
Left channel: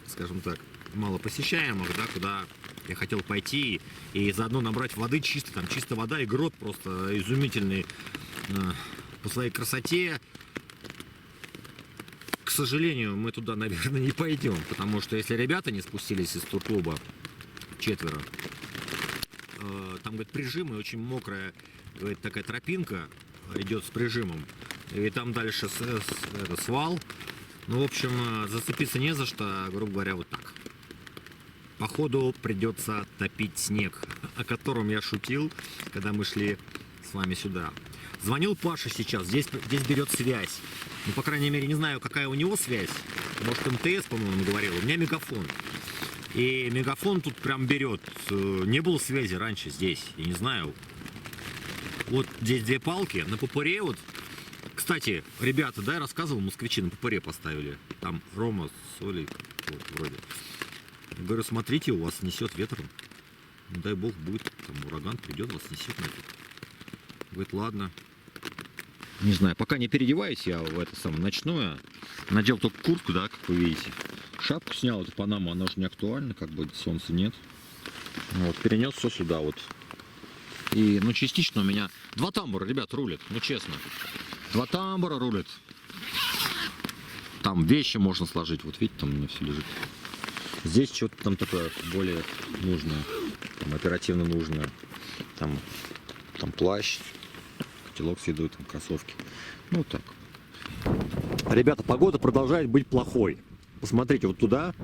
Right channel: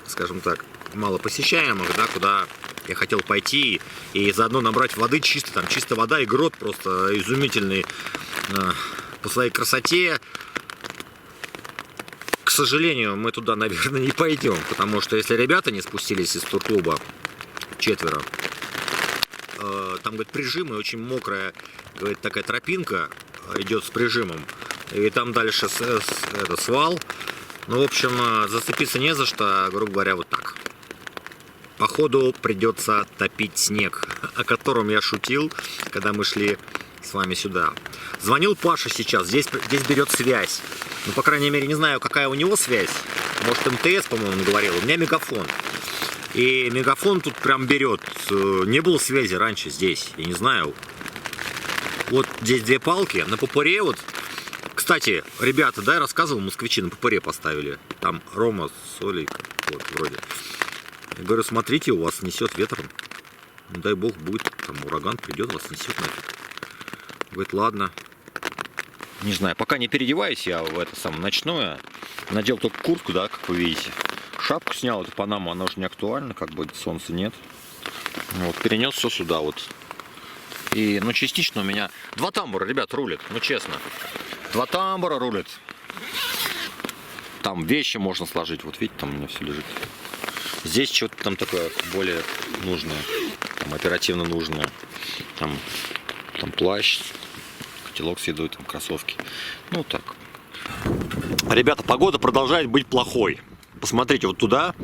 скажем так, малопосещаемых, да, куда я хотел пойти и заодно набрать воды чисто. Там чистая вода и грот просто изумительный по своей красоте. К сожалению, мы туда, наверное, не пойдем, потому что если ребята не спустились из турклуба, 4, там, говорит, прижимы, очень мокрая, говорит, такая тропинка идет с прижимом, и там дальше свал. Ну, в общем, зацепиться не за что, грубо говоря, вот так. Походу придется топить снег, о котором я шутил, когда мы шли с вами сюда. Звонил Паша сейчас, здесь берет связь. Ну, по крайней мере, не знаю, какая у него связь. Может, МТС, по-моему, он говорил. У меня мегафон. И мегафон тут прям берет. Не было связи раньше здесь, я не знаю. Вот здесь 2 палки, на попуре вот. Кстати, ребята, да, я рассказывал, москвичи на попуре поставили. Там Рома с Олей, вот, вроде. Я говорю, смотрите, у вас несет ветром. Не дай бог, будет там ураган, придет, вас несет нафиг. Говорит, ладно. Не знаю, пока не переодеваюсь я в это самое ночное. Надел только куртку, да, как вы видите. Шапку снял, это Панама, она уже не актуальна, как бы солнца нет. Вот, перенес все сюда вот. И, ну, частично у меня 2 тамбура, ребят, рулят, ну, честно. 2 тамбура рулят. Там вещи можно сложить, вот видите, там у меня все лежит. Здесь что-то там такое более нужное, там, оперативно нужное. Там плащ, котелок с едой, там кроссовки. Ну так. Ребята, погода продолжает быть плохой. Посмотрите вот туда.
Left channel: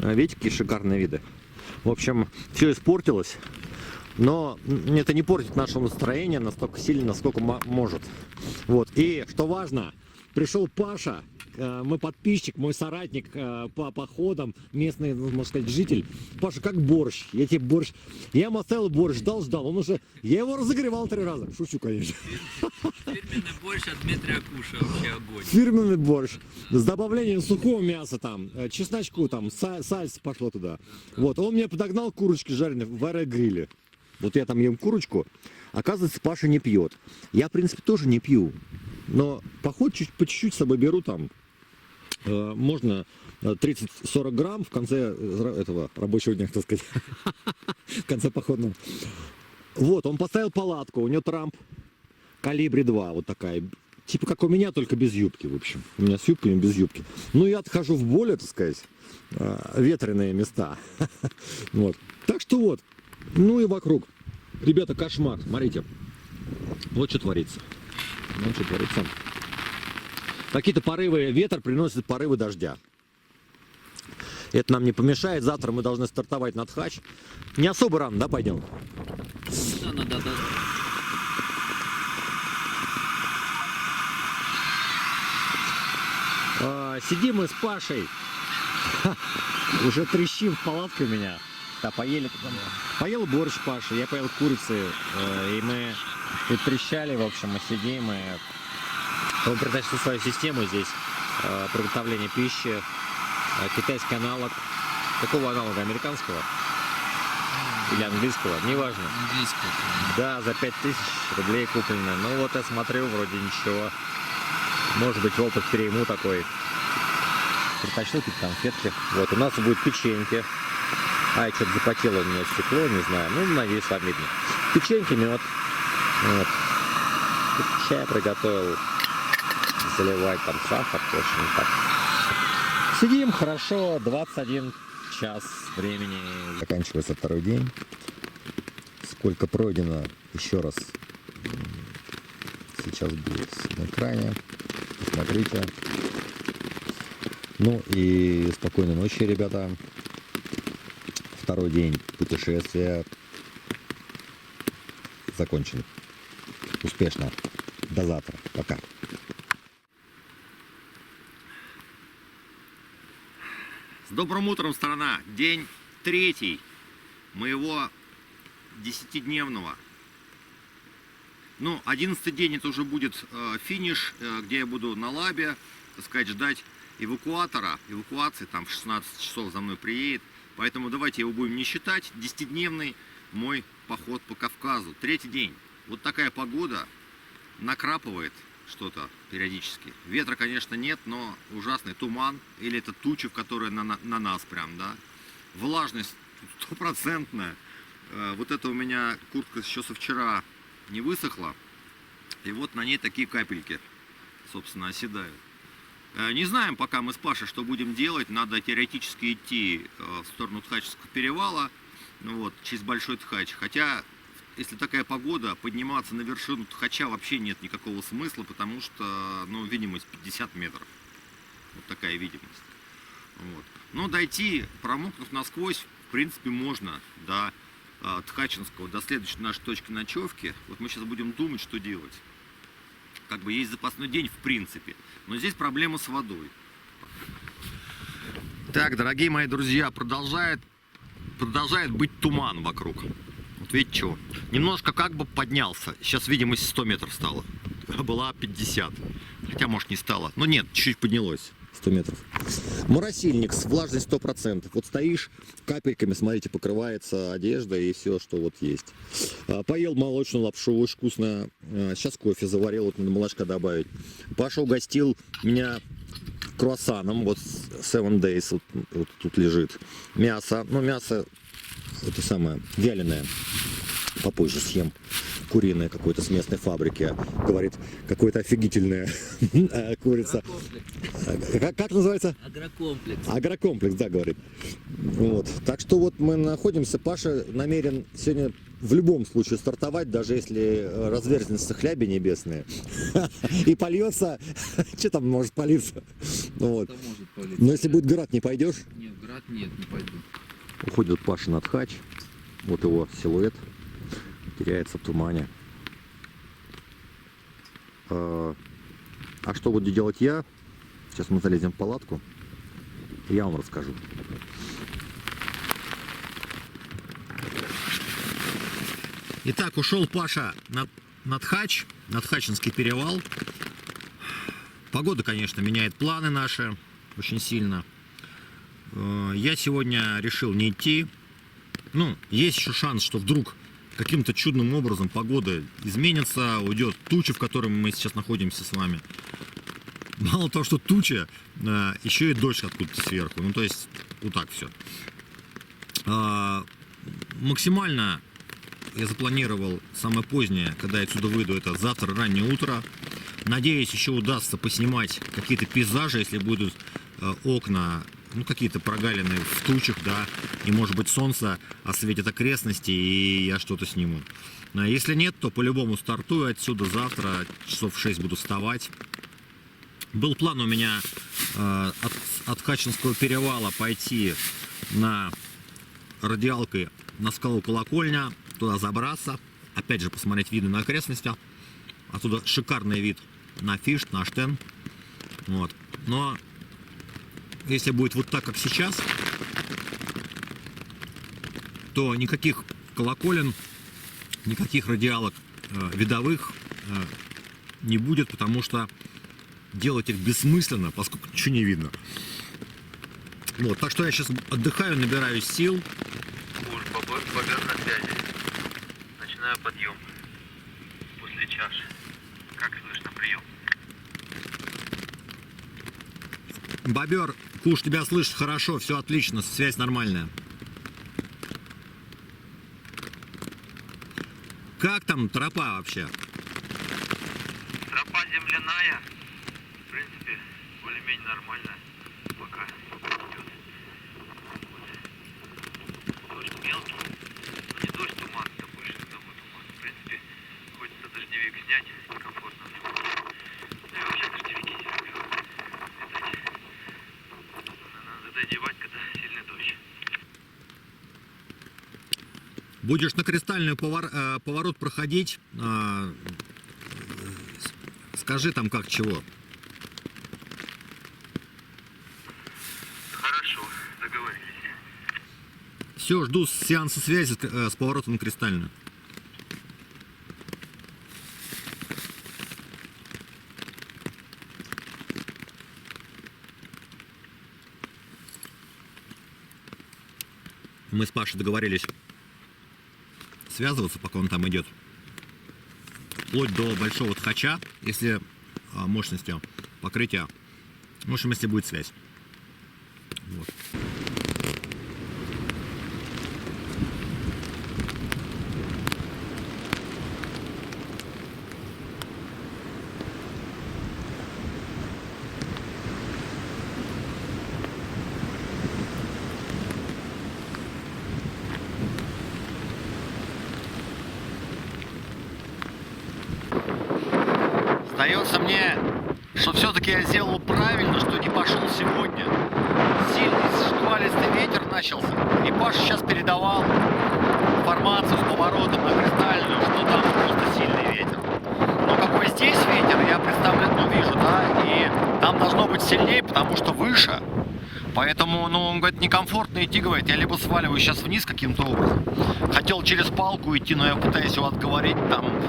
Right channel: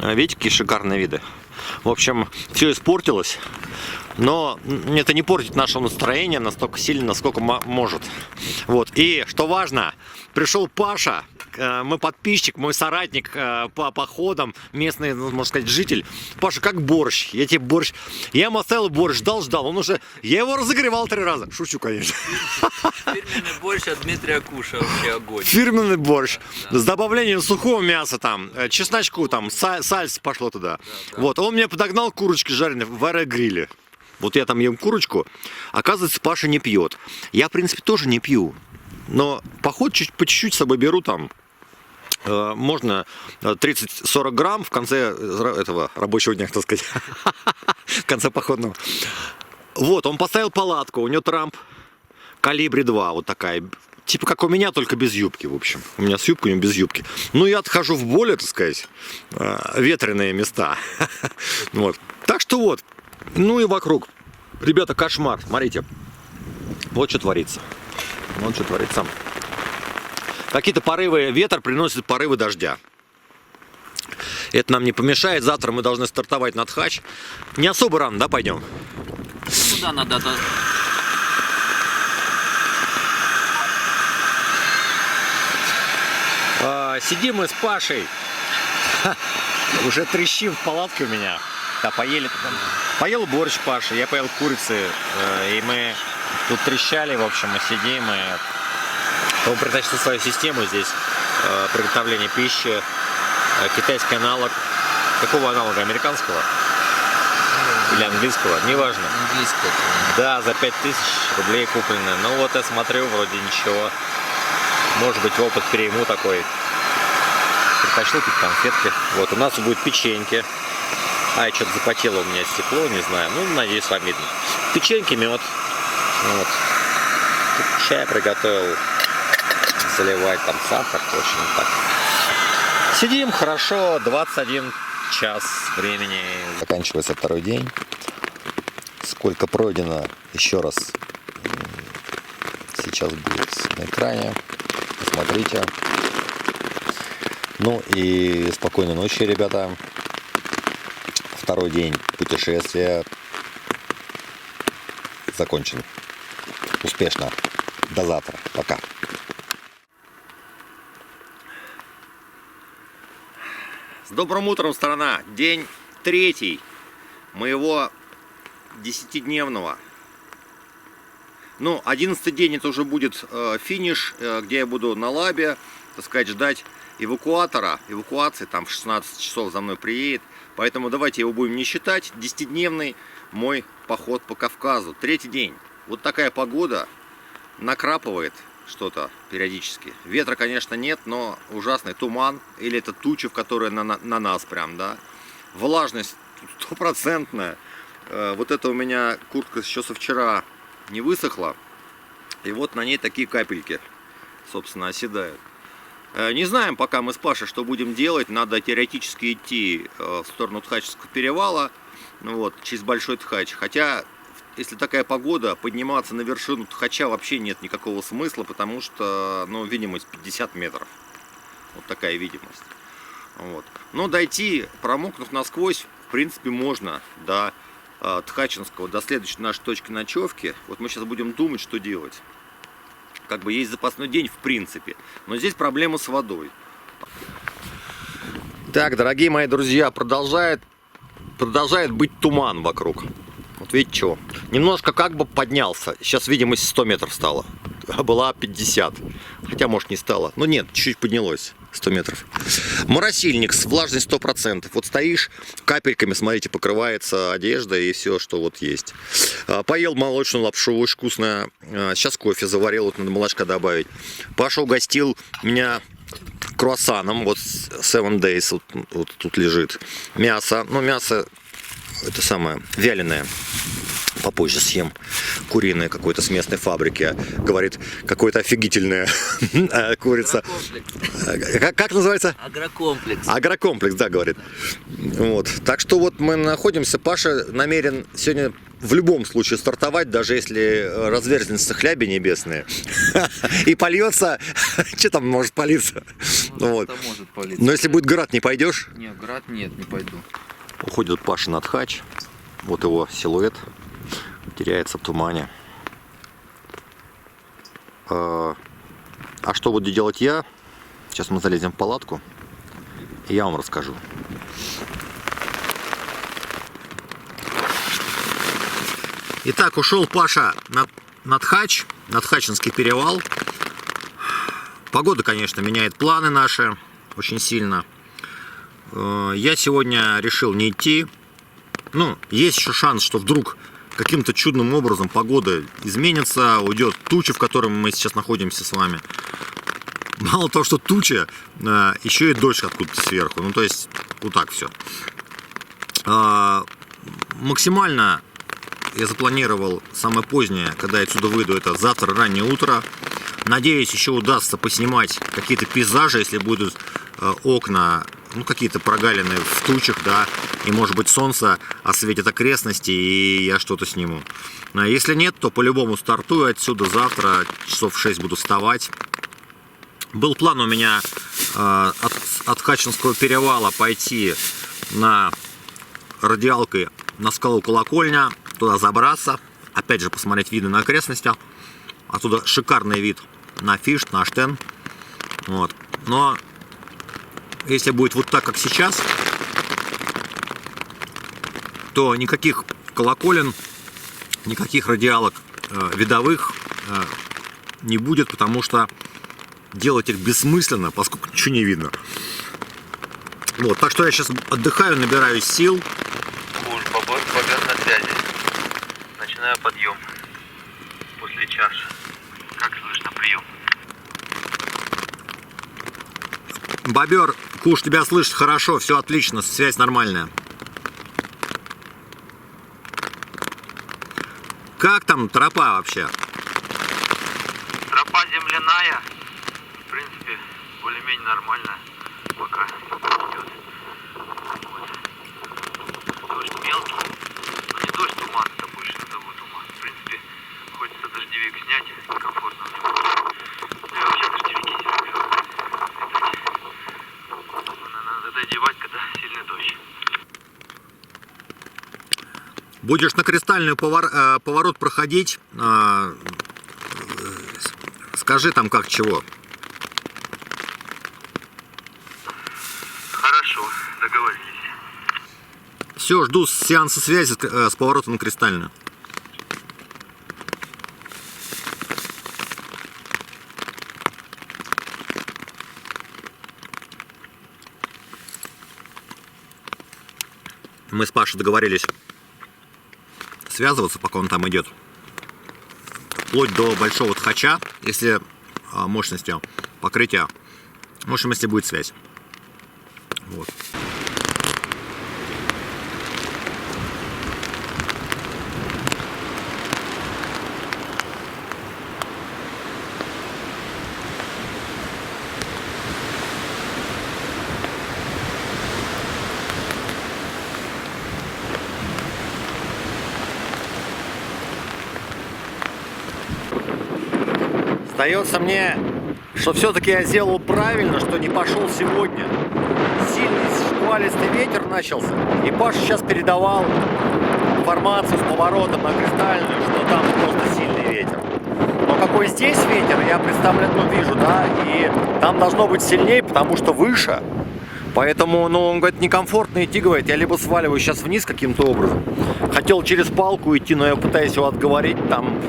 Видите, какие шикарные виды. В общем, все испортилось. Но это не портит наше настроение настолько сильно, насколько может. Вот. И что важно, пришел Паша, мой подписчик, мой соратник по походам, местный, можно сказать, житель. Паша, как борщ. Я тебе борщ. Я ему оставил борщ, ждал. Он уже. Я его разогревал 3 раза. Шучу, конечно. Фирменный борщ от Дмитрия Куша, вообще огонь. Фирменный борщ. Да. С добавлением сухого мяса там, чесночку там, сальса пошло туда. Да. Вот. Он мне подогнал курочки жареные в аэрогриле. Вот я там ем курочку, оказывается, Паша не пьет. Я, в принципе, тоже не пью. Но поход по чуть-чуть с собой беру там. Можно 30-40 грамм в конце этого рабочего дня, так сказать. В конце походного. Вот, он поставил палатку, у него Трамп калибри 2, вот такая. Типа как у меня, только без юбки, в общем. У меня с юбкой, у него без юбки. Ну, я отхожу в более, так сказать, ветреные места. Вот. Так что вот. Ну и вокруг. Ребята, кошмар. Смотрите. Вот что творится. Вот что творится. Какие-то порывы, ветер приносит порывы дождя. Это нам не помешает. Завтра мы должны стартовать на Тхач. Не особо рано, да, пойдем? Ну да, надо Сидим мы с Пашей. Уже трещим в палатке у меня. Да, поели. Поел борщ Паша, я поел курицы. И мы тут трещали, в общем, мы сидим. И он притащил свою систему здесь приготовления пищи. Китайский аналог. Какого аналога? Американского? Или английского? Неважно. Английское. Да, за 5000 рублей куплены. Ну вот я смотрю, вроде ничего. Может быть, опыт перейму такой. Притащил какие-то конфетки. Вот, у нас будет печеньки. А, что-то запотело у меня стекло, не знаю. Ну, надеюсь, вам видно. Печеньки, мед. Вот. Тут чай приготовил. Заливать там сахар, точно так. Сидим хорошо, 21 час времени. Заканчивается второй день. Сколько пройдено, еще раз сейчас будет на экране. Посмотрите. Ну и спокойной ночи, ребята. Второй день путешествия закончен. Успешно. До завтра. Пока. С добрым утром, страна! День 3 моего 10-дневного. Ну, 11-й день это уже будет финиш, где я буду на лабе, так сказать, ждать эвакуатора. Эвакуации там в 16 часов за мной приедет. Поэтому давайте его будем не считать. 10-дневный мой поход по Кавказу. 3-й день. Вот такая погода. Накрапывает что-то периодически. Ветра, конечно, нет, но ужасный туман. Или это тучи, в которые на нас прям, да. Влажность стопроцентная. Вот это у меня куртка еще со вчера не высохла. И вот на ней такие капельки, собственно, оседают. Не знаем пока мы с Пашей, что будем делать. Надо теоретически идти в сторону Тхачевского перевала, вот, через Большой Тхач. Хотя, если такая погода, подниматься на вершину Тхача вообще нет никакого смысла, потому что, ну, видимость 50 метров. Вот такая видимость. Вот. Но дойти, промокнув насквозь, в принципе, можно до Тхачинского, до следующей нашей точки ночевки. Вот мы сейчас будем думать, что делать. Как бы есть запасной день, в принципе. Но здесь проблема с водой. Так, дорогие мои друзья, продолжает быть туман вокруг. Вот видите, что? Немножко как бы поднялся. Сейчас видимость 100 метров стала. А была 50. Хотя, может, не стало. Но нет, чуть-чуть поднялось. 100 метров. Моросильник с влажностью 100%. Вот стоишь, капельками, смотрите, покрывается одежда и все, что вот есть. Поел молочную лапшу, очень вкусная. Сейчас кофе заварил, вот надо молочка добавить. Паша угостил меня круассаном, вот 7 Days, вот тут лежит. Мясо, ну мясо, это самое, вяленое. Попозже съем. Куриное какое-то с местной фабрики. Говорит, какое-то офигительное курица. Как называется? Агрокомплекс. Агрокомплекс, да, говорит. Вот. Так что вот мы находимся. Паша намерен сегодня в любом случае стартовать, даже если разверзнется хляби небесные. И польется. Что там может палиться? Вот. Может палиться. Но если будет град, не пойдешь? Нет, град нет, не пойду. Уходит Паша на Тхач. Вот его силуэт. Теряется в тумане. А что буду делать я? Сейчас мы залезем в палатку, и я вам расскажу. Итак, ушел Паша на Тхач, на Тхачинский перевал. Погода, конечно, меняет планы наши очень сильно. Я сегодня решил не идти. Ну, есть еще шанс, что вдруг каким-то чудным образом погода изменится, уйдет туча, в которой мы сейчас находимся с вами. Мало того, что туча, еще и дождь откуда-то сверху. Ну, то есть, вот так все. Максимально я запланировал самое позднее, когда я отсюда выйду, это завтра раннее утро. Надеюсь, еще удастся поснимать какие-то пейзажи, если будут окна, ну, какие-то прогалины в тучах, да, и, может быть, солнце осветит окрестности, и я что-то сниму. А если нет, то по-любому стартую отсюда завтра, часов в 6 буду вставать. Был план у меня от Тхачинского перевала пойти на радиалкой на скалу Колокольня, туда забраться, опять же посмотреть виды на окрестности. Оттуда шикарный вид на Фишт, на Аштен. Вот. Но если будет вот так, как сейчас, то никаких колоколен, никаких радиалок видовых не будет, потому что делать их бессмысленно, поскольку ничего не видно. Вот, так что я сейчас отдыхаю, набираюсь сил. Куш, бобер на связи. Начинаю подъем. После чаши. Как слышно прием? Бобер, Куш, тебя слышит хорошо, все отлично, связь нормальная. Как там тропа вообще? Тропа земляная. В принципе, более-менее нормально. Пока идет. Вот. Дождь мелкий. Но не дождь, туман. Это больше назову туман. В принципе, хочется дождевик снять. Комфортно. Ну и вообще дождевики себе надо одевать, когда сильный дождь. Будешь на Кристальную поворот проходить, скажи там как чего. Хорошо, договорились. Все, жду сеанса связи с поворотом на Кристальную. Мы с Пашей договорились связываться, пока он там идет. Вплоть до большого ткача, если мощностью покрытия. В общем, если будет связь. Вот. Сдается мне, что все-таки я сделал правильно, что не пошел сегодня. Сильный шквалистый ветер начался, и Паша сейчас передавал информацию с поворотом на Кристальную, что там просто сильный ветер. Но какой здесь ветер, я представляю, вижу, да, и там должно быть сильнее, потому что выше. Поэтому, он говорит, некомфортно идти, говорит, я либо сваливаю сейчас вниз каким-то образом. Хотел через палку идти, но я пытаюсь его отговорить, там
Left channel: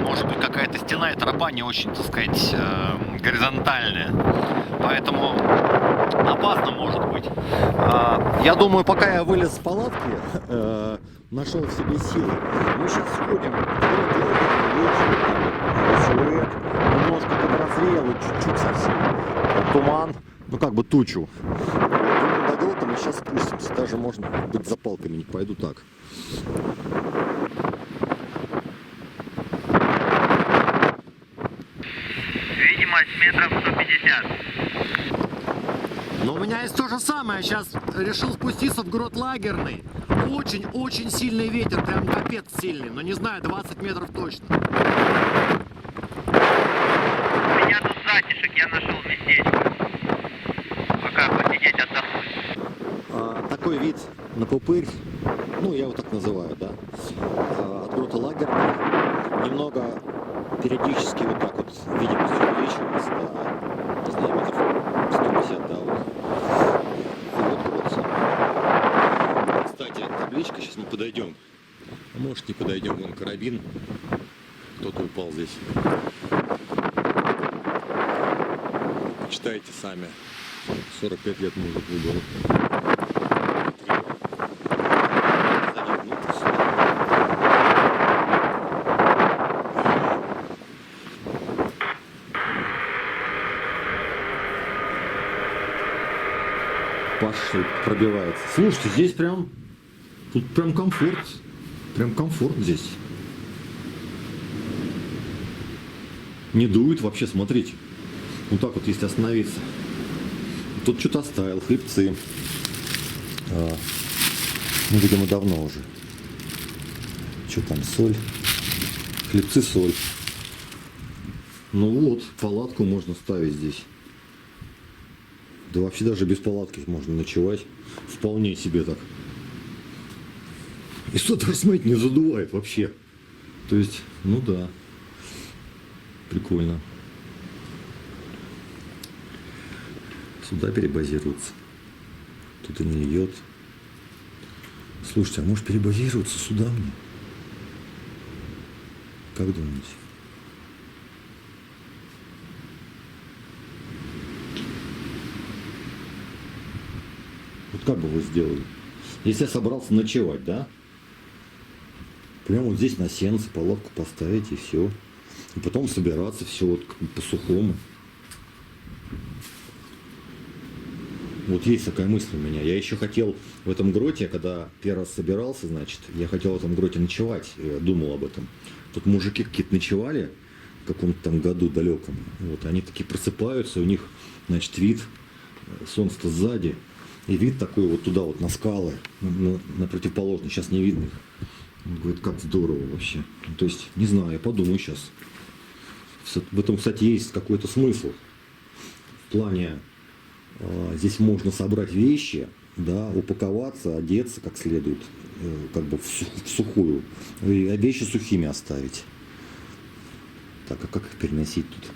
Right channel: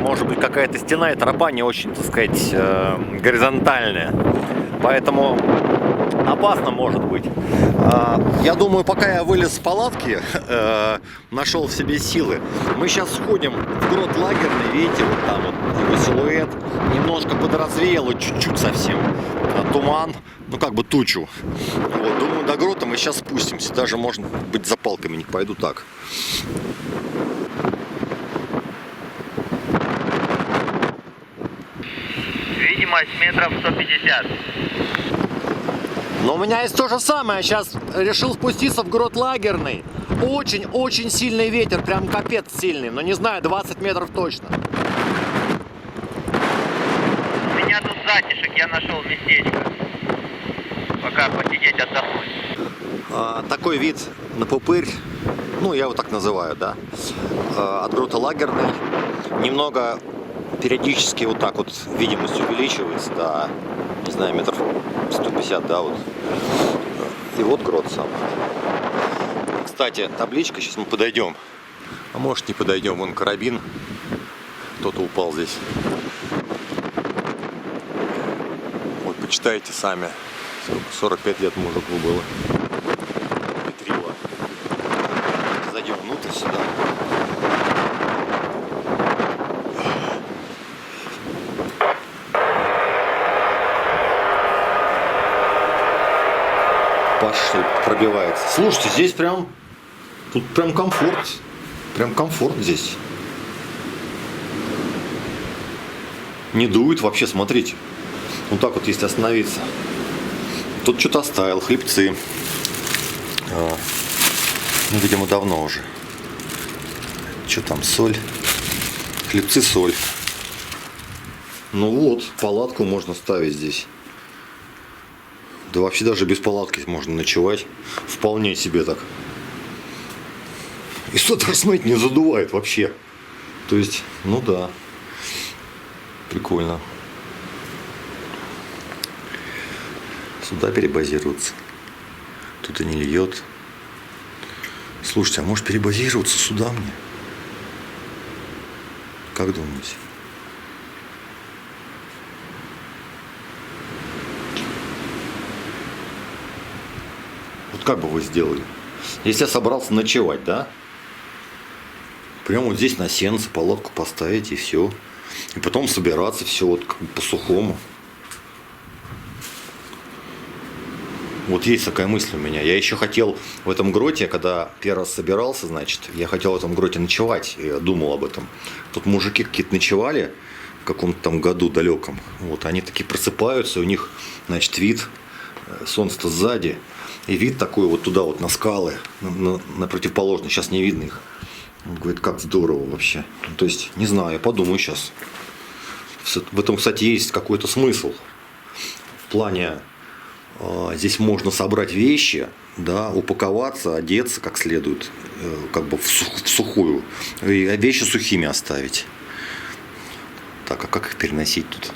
может быть какая-то стена, и тропа не очень, так сказать, горизонтальная. Поэтому опасно может быть. Я думаю, пока я вылез с палатки, нашел в себе силы, мы сейчас сходим в город Лагерный, видите, вот там его силуэт, немножко подразвеяло, чуть-чуть совсем, туман, как бы тучу. Вот, думаю, до грота мы сейчас спустимся, даже, может быть, за палками не пойду так. Видимость метров 150. Но у меня есть то же самое. Я сейчас решил спуститься в город Лагерный. Очень-очень сильный ветер, прям капец сильный. Но не знаю, 20 метров точно. У меня тут затишек, я нашел местечко. Пока посидеть, отдохнуть. Такой вид на Пупырь, я его так называю, да, от грота Лагерный. Немного периодически вот так вот видимость увеличивается, да, не знаю, метров 150, да, вот. И вот грот сам. Кстати, табличка, сейчас мы подойдем. А может не подойдем, вон карабин. Кто-то упал здесь. Вот, почитайте сами. 45 лет мужику было. Петрила. Зайдем внутрь сюда. Паша пробивается. Слушайте, здесь прям... Тут прям комфорт. Прям комфорт здесь. Не дует вообще, смотрите. Вот так вот, если остановиться. Тут что-то оставил, хлебцы. Видимо, давно уже. Что там, соль? Хлебцы, соль. Вот, палатку можно ставить здесь. Да вообще даже без палатки можно ночевать. Вполне себе так. И что-то, смотрите, не задувает вообще. То есть, да. Прикольно. Сюда перебазироваться. Тут и не льет. Слушайте, а может перебазироваться сюда мне? Как думаете? Вот как бы вы сделали? Если я собрался ночевать, да? Прямо вот здесь на сеновце палатку поставить и все. И потом собираться все вот как бы по-сухому. Вот есть такая мысль у меня. Я еще хотел в этом гроте, когда первый раз собирался, значит, я хотел в этом гроте ночевать. Я думал об этом. Тут мужики какие-то ночевали в каком-то там году далеком. Вот, они такие просыпаются, у них, значит, вид, солнце-то сзади. И вид такой вот туда вот на скалы, на противоположный. Сейчас не видно их. Он говорит, как здорово вообще. Ну, то есть, не знаю, я подумаю сейчас. В этом, кстати, есть какой-то смысл. В плане, здесь можно собрать вещи, да, упаковаться, одеться как следует, как бы в сухую. И вещи сухими оставить. Так, а как их переносить тут?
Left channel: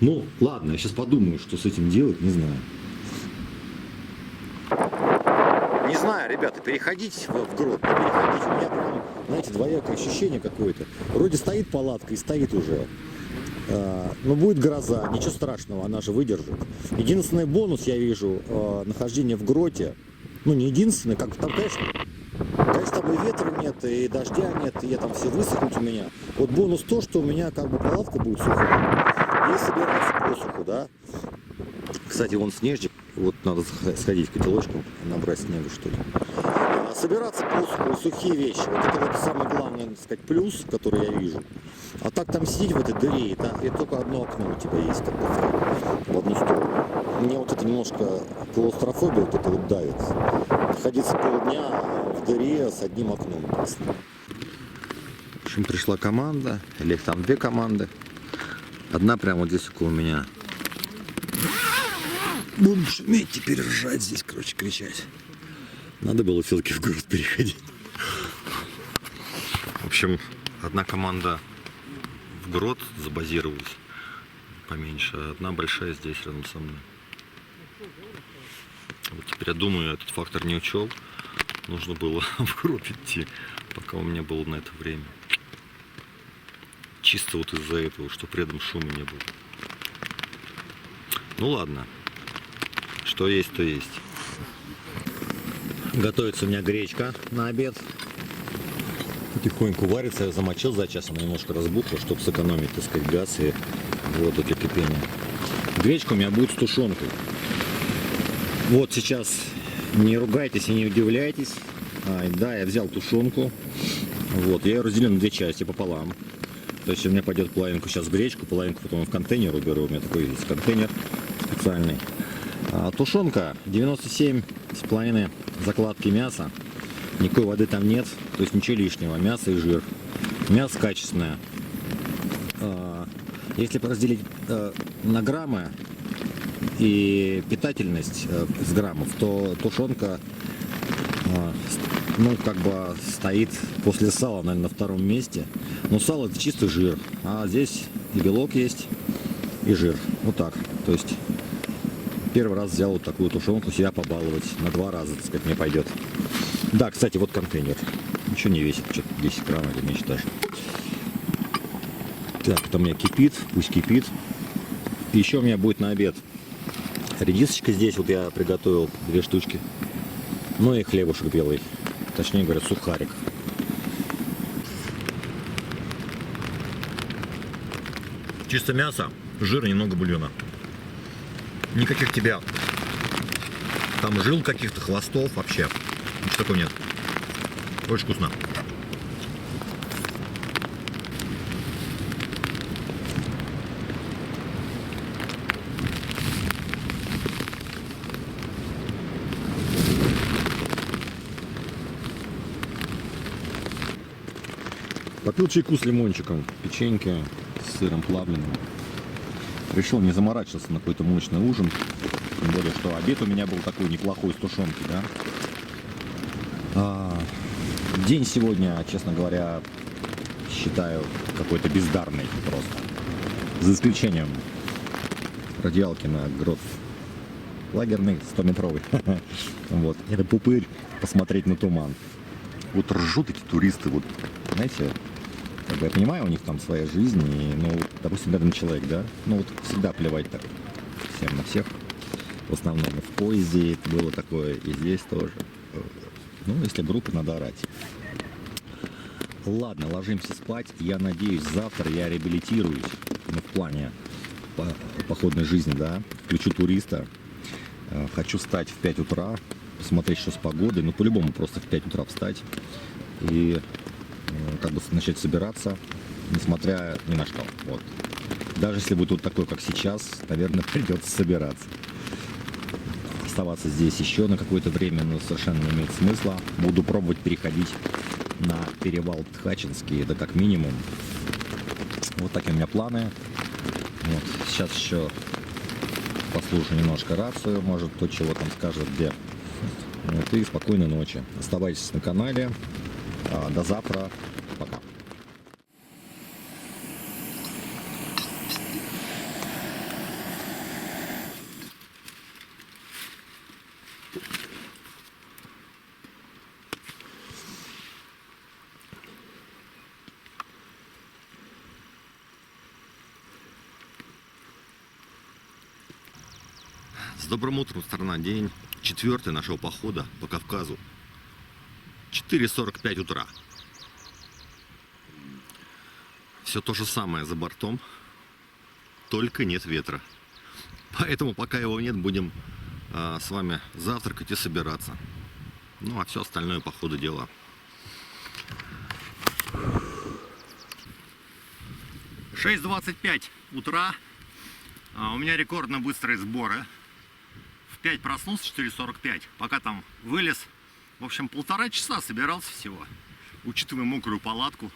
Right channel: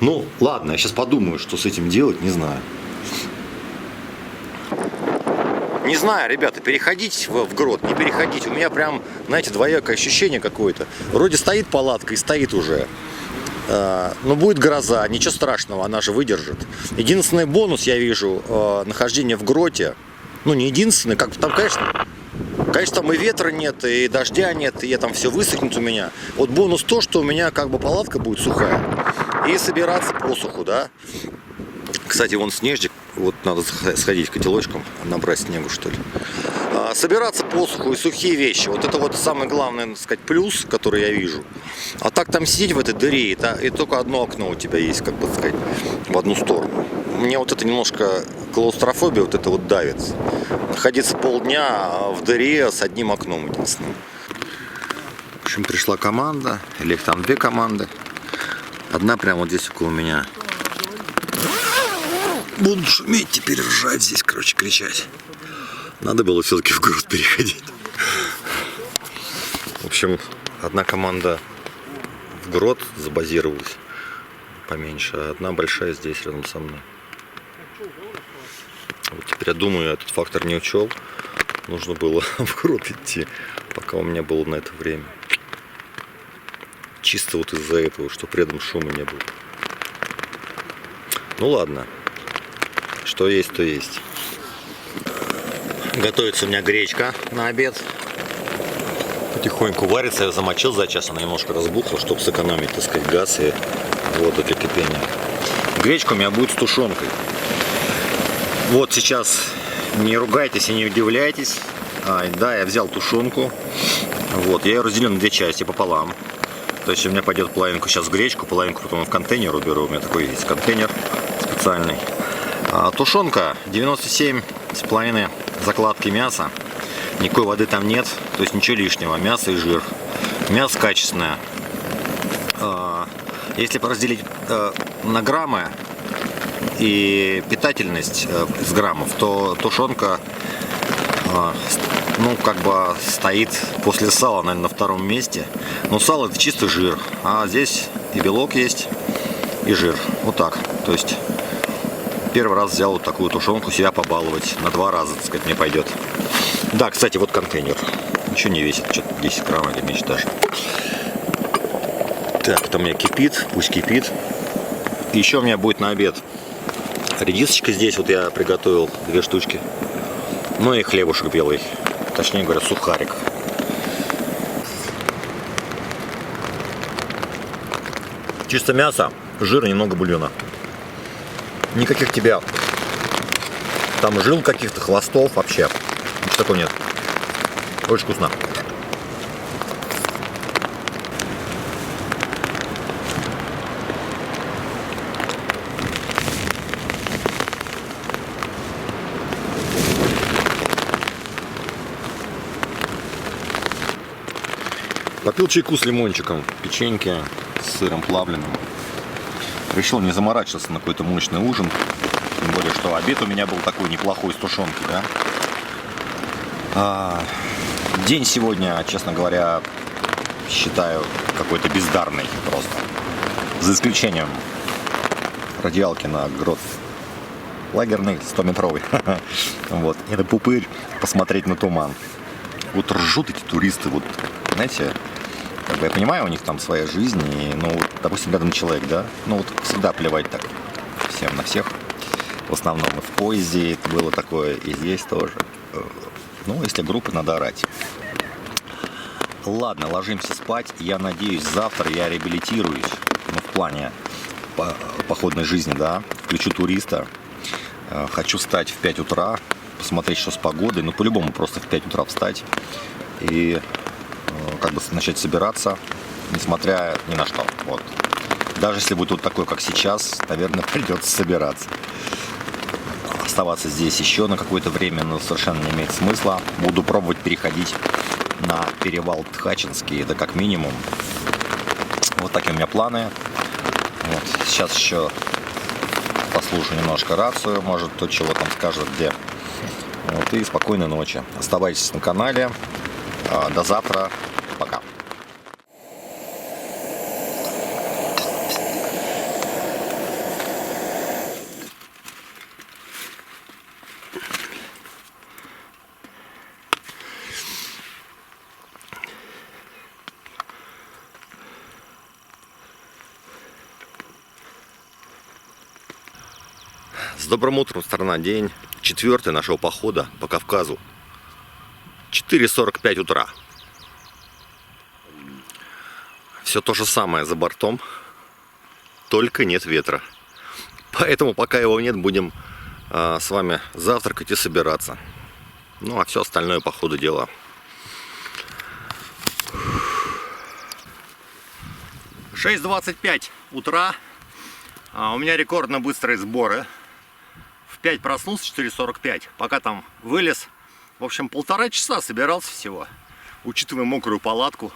Ну, ладно, я сейчас подумаю, что с этим делать, не знаю. Не знаю, ребята, переходить в грот, не переходить. У меня прям, знаете, двоякое ощущение какое-то. Вроде стоит палатка и стоит уже. Но будет гроза, ничего страшного, она же выдержит. Единственный бонус я вижу нахождение в гроте. Ну, не единственный, как там, конечно, там и ветра нет, и дождя нет, и там все высохнет у меня. Вот бонус то, что у меня как бы палатка будет сухая. И собираться посуху, да. Кстати, вон снежик. Вот надо сходить к котелочкам, набрать снегу, что ли. Собираться посуху и сухие вещи. Вот это вот самый главный, так сказать, плюс, который я вижу. А так там сидеть в этой дыре, и только одно окно у тебя есть, как бы сказать, в одну сторону. Мне вот это немножко клаустрофобия, вот это вот давит. Находиться полдня в дыре с одним окном единственным. В общем, пришла команда, или их там две команды. Одна прямо вот здесь около меня. Буду шуметь, теперь ржать здесь, короче, кричать. Надо было все-таки в грот переходить. В общем, одна команда в грот забазировалась поменьше, а одна большая здесь, рядом со мной. Вот теперь я думаю, я этот фактор не учел. Нужно было в грот идти, пока у меня было на это время. Чисто вот из-за этого, чтобы рядом шума не было. Ну ладно. Что есть, то есть. Готовится у меня гречка на обед. Потихоньку варится. Я замочил за час, она немножко разбухла, чтобы сэкономить, так сказать, газ и воду для кипения. Гречка у меня будет с тушенкой. Вот сейчас не ругайтесь и не удивляйтесь. Да, я взял тушенку. Вот, я ее разделил на две части пополам. То есть у меня пойдет половинку сейчас в гречку, половинку потом в контейнер уберу. У меня такой есть контейнер специальный. Тушенка 97,5 закладки мяса. Никакой воды там нет, то есть ничего лишнего. Мясо и жир. Мясо качественное. Если поразделить на граммы и питательность из граммов, то тушенка, ну, как бы стоит после сала, наверное, на втором месте. Но сало — это чисто жир, а здесь и белок есть, и жир. Вот так. То есть первый раз взял вот такую тушенку себя побаловать. На 2 раза, так сказать, мне пойдет. Да, кстати, вот контейнер. Ничего не весит, что-то 10 грамм или меньше даже. Так, это у меня кипит, пусть кипит. И еще у меня будет на обед редисочка здесь, вот я приготовил 2 штучки. Ну и хлебушек белый, точнее говоря, сухарик. Чисто мясо, жир и немного бульона. Никаких тебя там жил, каких-то хвостов вообще. Ничего такого нет. Очень вкусно. Попил чайку с лимончиком, печеньки с сыром плавленым. Решил не заморачиваться на какой-то мощный ужин. Тем более, что обед у меня был такой неплохой с тушенки, да. День сегодня, честно говоря, считаю какой-то бездарный просто. За исключением раздевалки на грот. лагерный 100-метровый. Вот. И на пупырь посмотреть на туман. Вот ржут эти туристы, вот, знаете, как бы я понимаю, у них там своя жизнь, и, ну, вот, допустим, рядом человек, да, ну, вот всегда плевать так всем на всех. В основном и в поезде это было такое, и здесь тоже. Ну, если группы, надо орать. Ладно, ложимся спать. Я надеюсь, завтра я реабилитируюсь, ну, в плане походной жизни, да, включу туриста. Хочу встать в 5 утра, посмотреть, что с погодой, ну, по-любому просто в 5 утра встать и как бы начать собираться, несмотря ни на что. Вот. Даже если будет вот такой, как сейчас, наверное, придется собираться. Оставаться здесь еще на какое-то время, но совершенно не имеет смысла. Буду пробовать переходить на перевал Тхачинский, это как минимум. Вот такие у меня планы. Вот. Сейчас еще послушаю немножко рацию, может кто чего там скажет где. Вот. И спокойной ночи. Оставайтесь на канале. До завтра. Пока. С добрым утром, страна. День 4 нашего похода по Кавказу. 4:45 утра. Все то же самое за бортом, только нет ветра. Поэтому, пока его нет, будем с вами завтракать и собираться. Ну, а все остальное по ходу дела. — 6:25 утра. У меня рекордно быстрые сборы. В 5 проснулся, 4:45. Пока там вылез. В общем, 1,5 часа собирался всего. Учитывая мокрую палатку.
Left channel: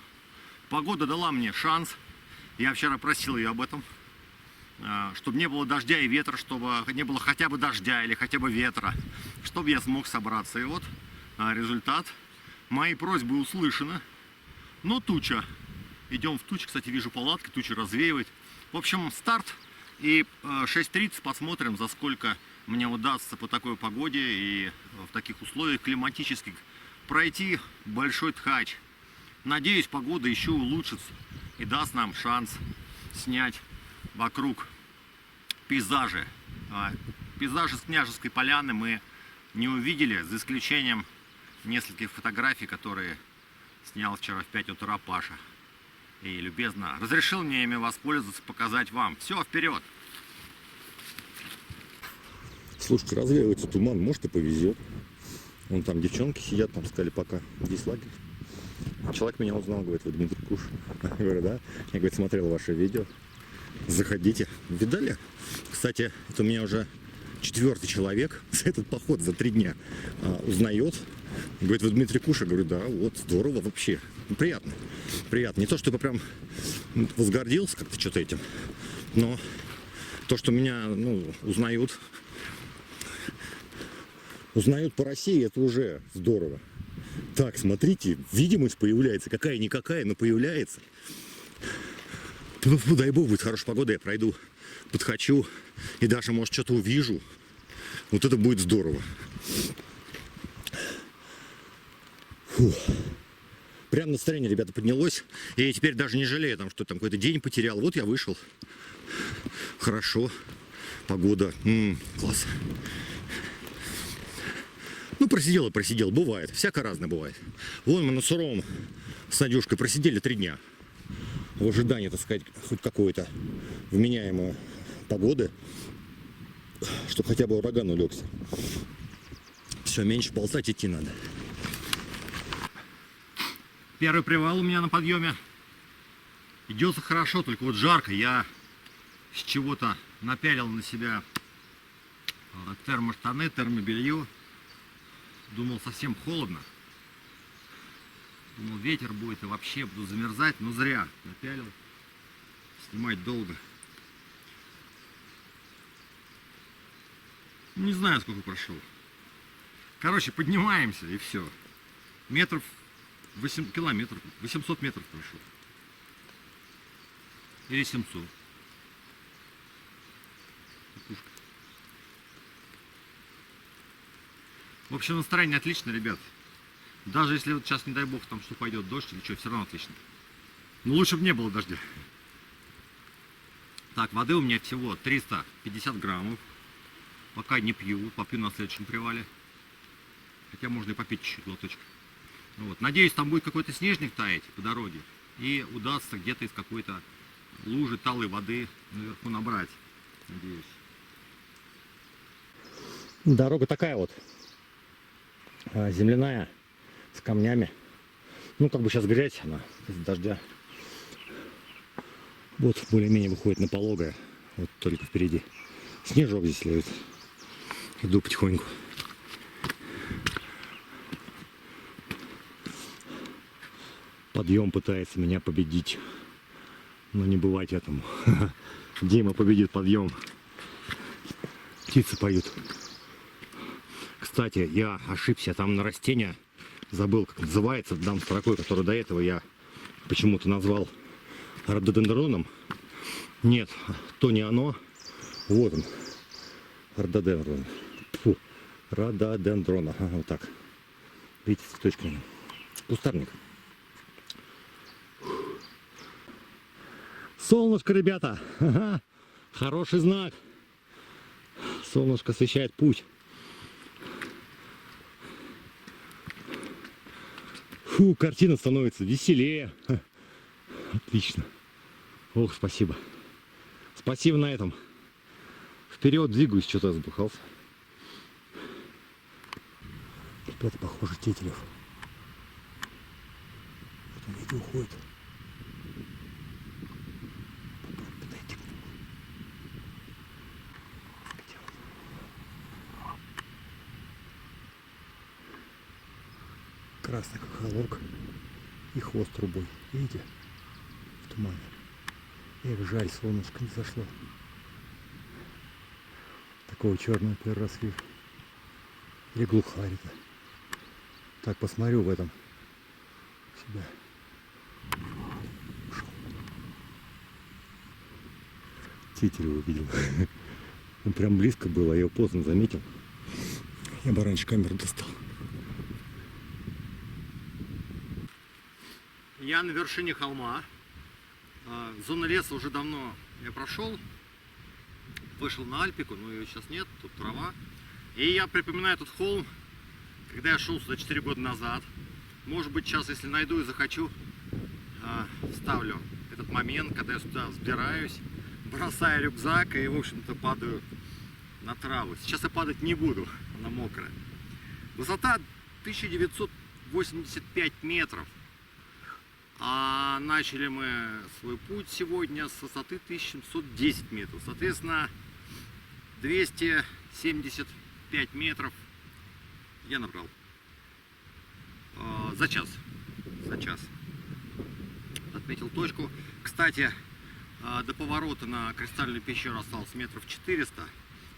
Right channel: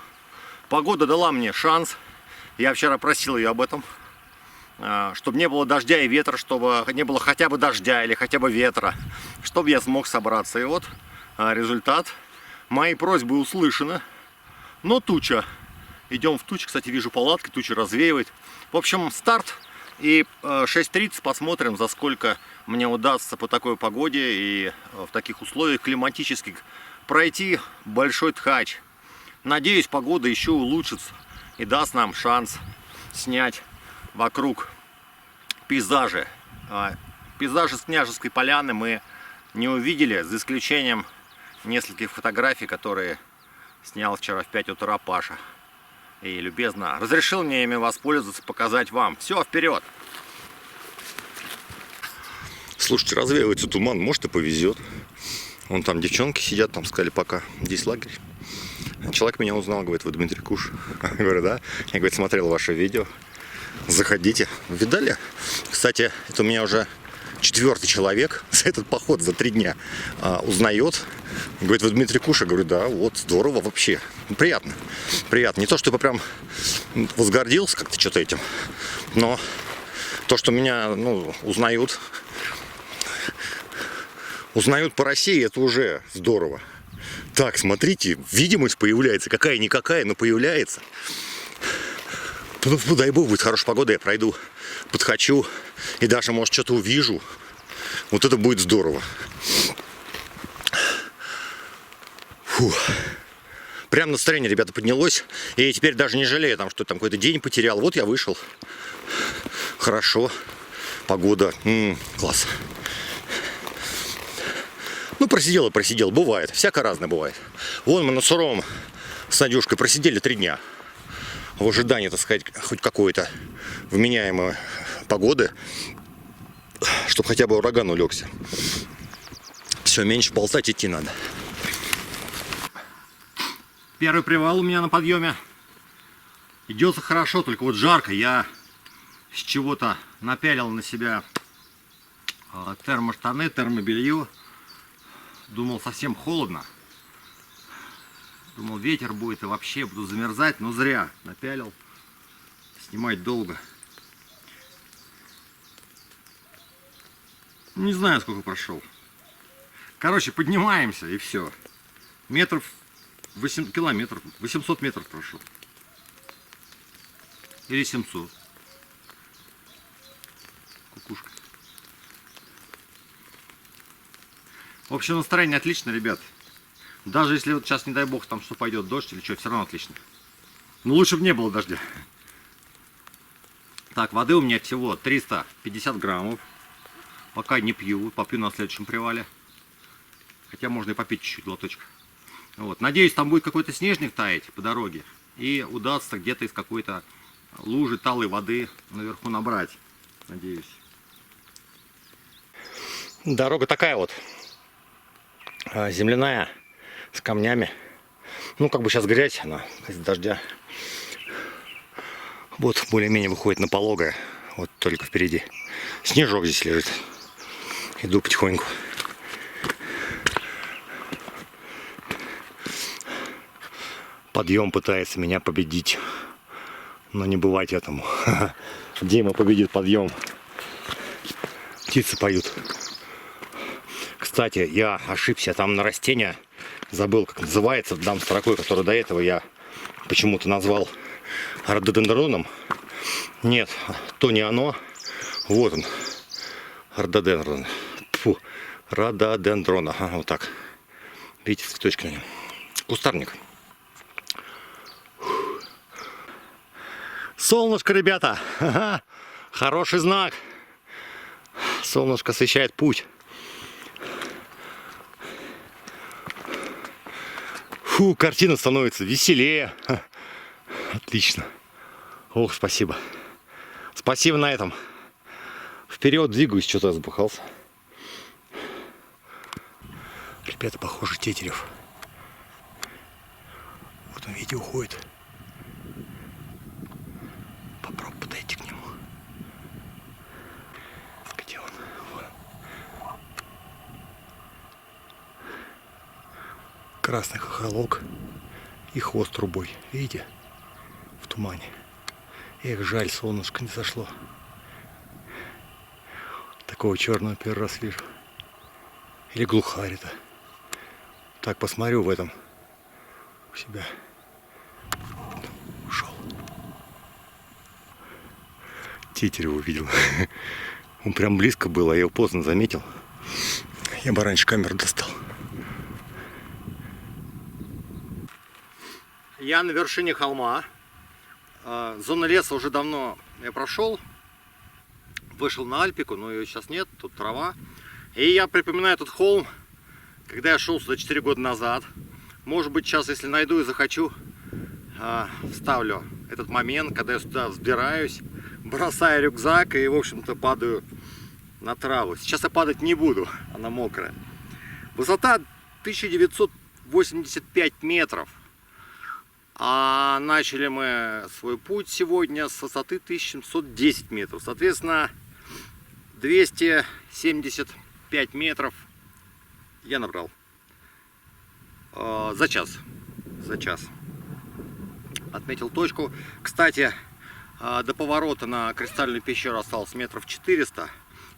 Погода дала мне шанс. Я вчера просил ее об этом. Чтобы не было дождя и ветра. Чтобы не было хотя бы дождя или хотя бы ветра. Чтобы я смог собраться. И вот результат. Мои просьбы услышаны. Но туча. Идем в тучу. Кстати, вижу палатки. Туча развеивает. В общем, старт. И 6:30 посмотрим, за сколько мне удастся по такой погоде и в таких условиях климатических пройти Большой Тхач. Надеюсь, погода еще улучшится и даст нам шанс снять вокруг пейзажи. Пейзажи с Княжеской Поляны мы не увидели, за исключением нескольких фотографий, которые снял вчера в 5 утра Паша. И любезно разрешил мне ими воспользоваться, показать вам. Все, вперед! Слушайте, развеивается туман, может и повезет. Вон там девчонки сидят, там сказали, пока здесь лагерь. Человек меня узнал, говорит, вы Дмитрий Куш. Я говорю, да. Я, говорит, смотрел ваше видео. Заходите. Видали? Кстати, это у меня уже 4-й человек за этот поход, за 3 дня узнает. Говорит, вы Дмитрий Куш? Я говорю, да, вот, здорово вообще. Приятно. Приятно. Не то, чтобы прям возгордился как-то что-то этим, но то, что меня, ну, узнают по России, это уже здорово. Так, смотрите, видимость появляется. Какая-никакая, но появляется. Ну, дай бог, будет хорошая погода, я пройду, подхочу и даже, может, что-то увижу. Вот это будет здорово. Фу. Прям настроение, ребята, поднялось. И я теперь даже не жалею, там, что там какой-то день потерял. Вот я вышел. Хорошо. Погода. Класс. Ну, просидел и просидел. Бывает. Всяко разное бывает. Вон мы на Суровом с Надюшкой просидели 3 дня. В ожидании, так сказать, хоть какой-то вменяемой погоды, чтобы хотя бы ураган улегся. Все, меньше ползать идти надо. Первый привал у меня на подъеме. Идется хорошо, только вот жарко. Я с чего-то напялил на себя термоштаны, термобелье. Думал, совсем холодно. Думал, ветер будет и вообще буду замерзать, но зря напялил. Снимать долго. Не знаю, сколько прошел. Короче, поднимаемся и все. Метров 8 километров, 800 метров прошел. Или 700. Кукушка. В общем, настроение отлично, ребят. Даже если вот сейчас, не дай бог, там что пойдет дождь или что, все равно отлично. Но лучше бы не было дождя. Так, воды у меня всего 350 граммов. Пока не пью, попью на следующем привале. Хотя можно и попить чуть-чуть глоточек. Вот. Надеюсь, там будет какой-то снежник таять по дороге. И удастся где-то из какой-то лужи талой воды наверху набрать. Надеюсь. Дорога такая вот. Земляная. С камнями. Ну, как бы сейчас грязь, она из дождя. Вот более-менее выходит на пологое. Вот только впереди. Снежок здесь лежит. Иду потихоньку. Подъем пытается меня победить. Но не бывать этому. Дима победит подъем. Птицы поют. Кстати, я ошибся. Там на растения забыл, как называется. Дам строкой, которую до этого я почему-то назвал рододендроном. Нет, то не оно. Вот он. Рододендрон. Фу. Рододендрон. Ага, вот так. Видите, цветочки на нем. Кустарник. Солнышко, ребята. Ага. Хороший знак. Солнышко освещает путь. Фу, картина становится веселее. Отлично. Ох, спасибо. Спасибо на этом. Вперед двигаюсь, что-то разбухался. Ребята, похоже, Тетерев. Вот он, видите, уходит. Попробуй подойти к нему. Где он? Вон. Красный хохолок и хвост трубой. Видите? В тумане. Эх, жаль, солнышко не зашло. Такого черного первый раз вижу. Или глухарь это. Так, посмотрю в этом. У себя. Ушел. Тетерева увидел. Он прям близко был, а я его поздно заметил. Я бы раньше камеру достал. Я на вершине холма. Зона леса уже давно я прошел. Вышел на Альпику, но ее сейчас нет, тут трава. И я припоминаю этот холм, когда я шел сюда 4 года назад. Может быть, сейчас, если найду и захочу, вставлю этот момент, когда я сюда взбираюсь, бросаю рюкзак и, в общем-то, падаю на траву. Сейчас я падать не буду, она мокрая. Высота 1985 метров. А начали мы свой путь сегодня с высоты 1710 метров. Соответственно, 275 метров я набрал за час. Отметил точку. Кстати, до поворота на Кристальную пещеру осталось метров 400.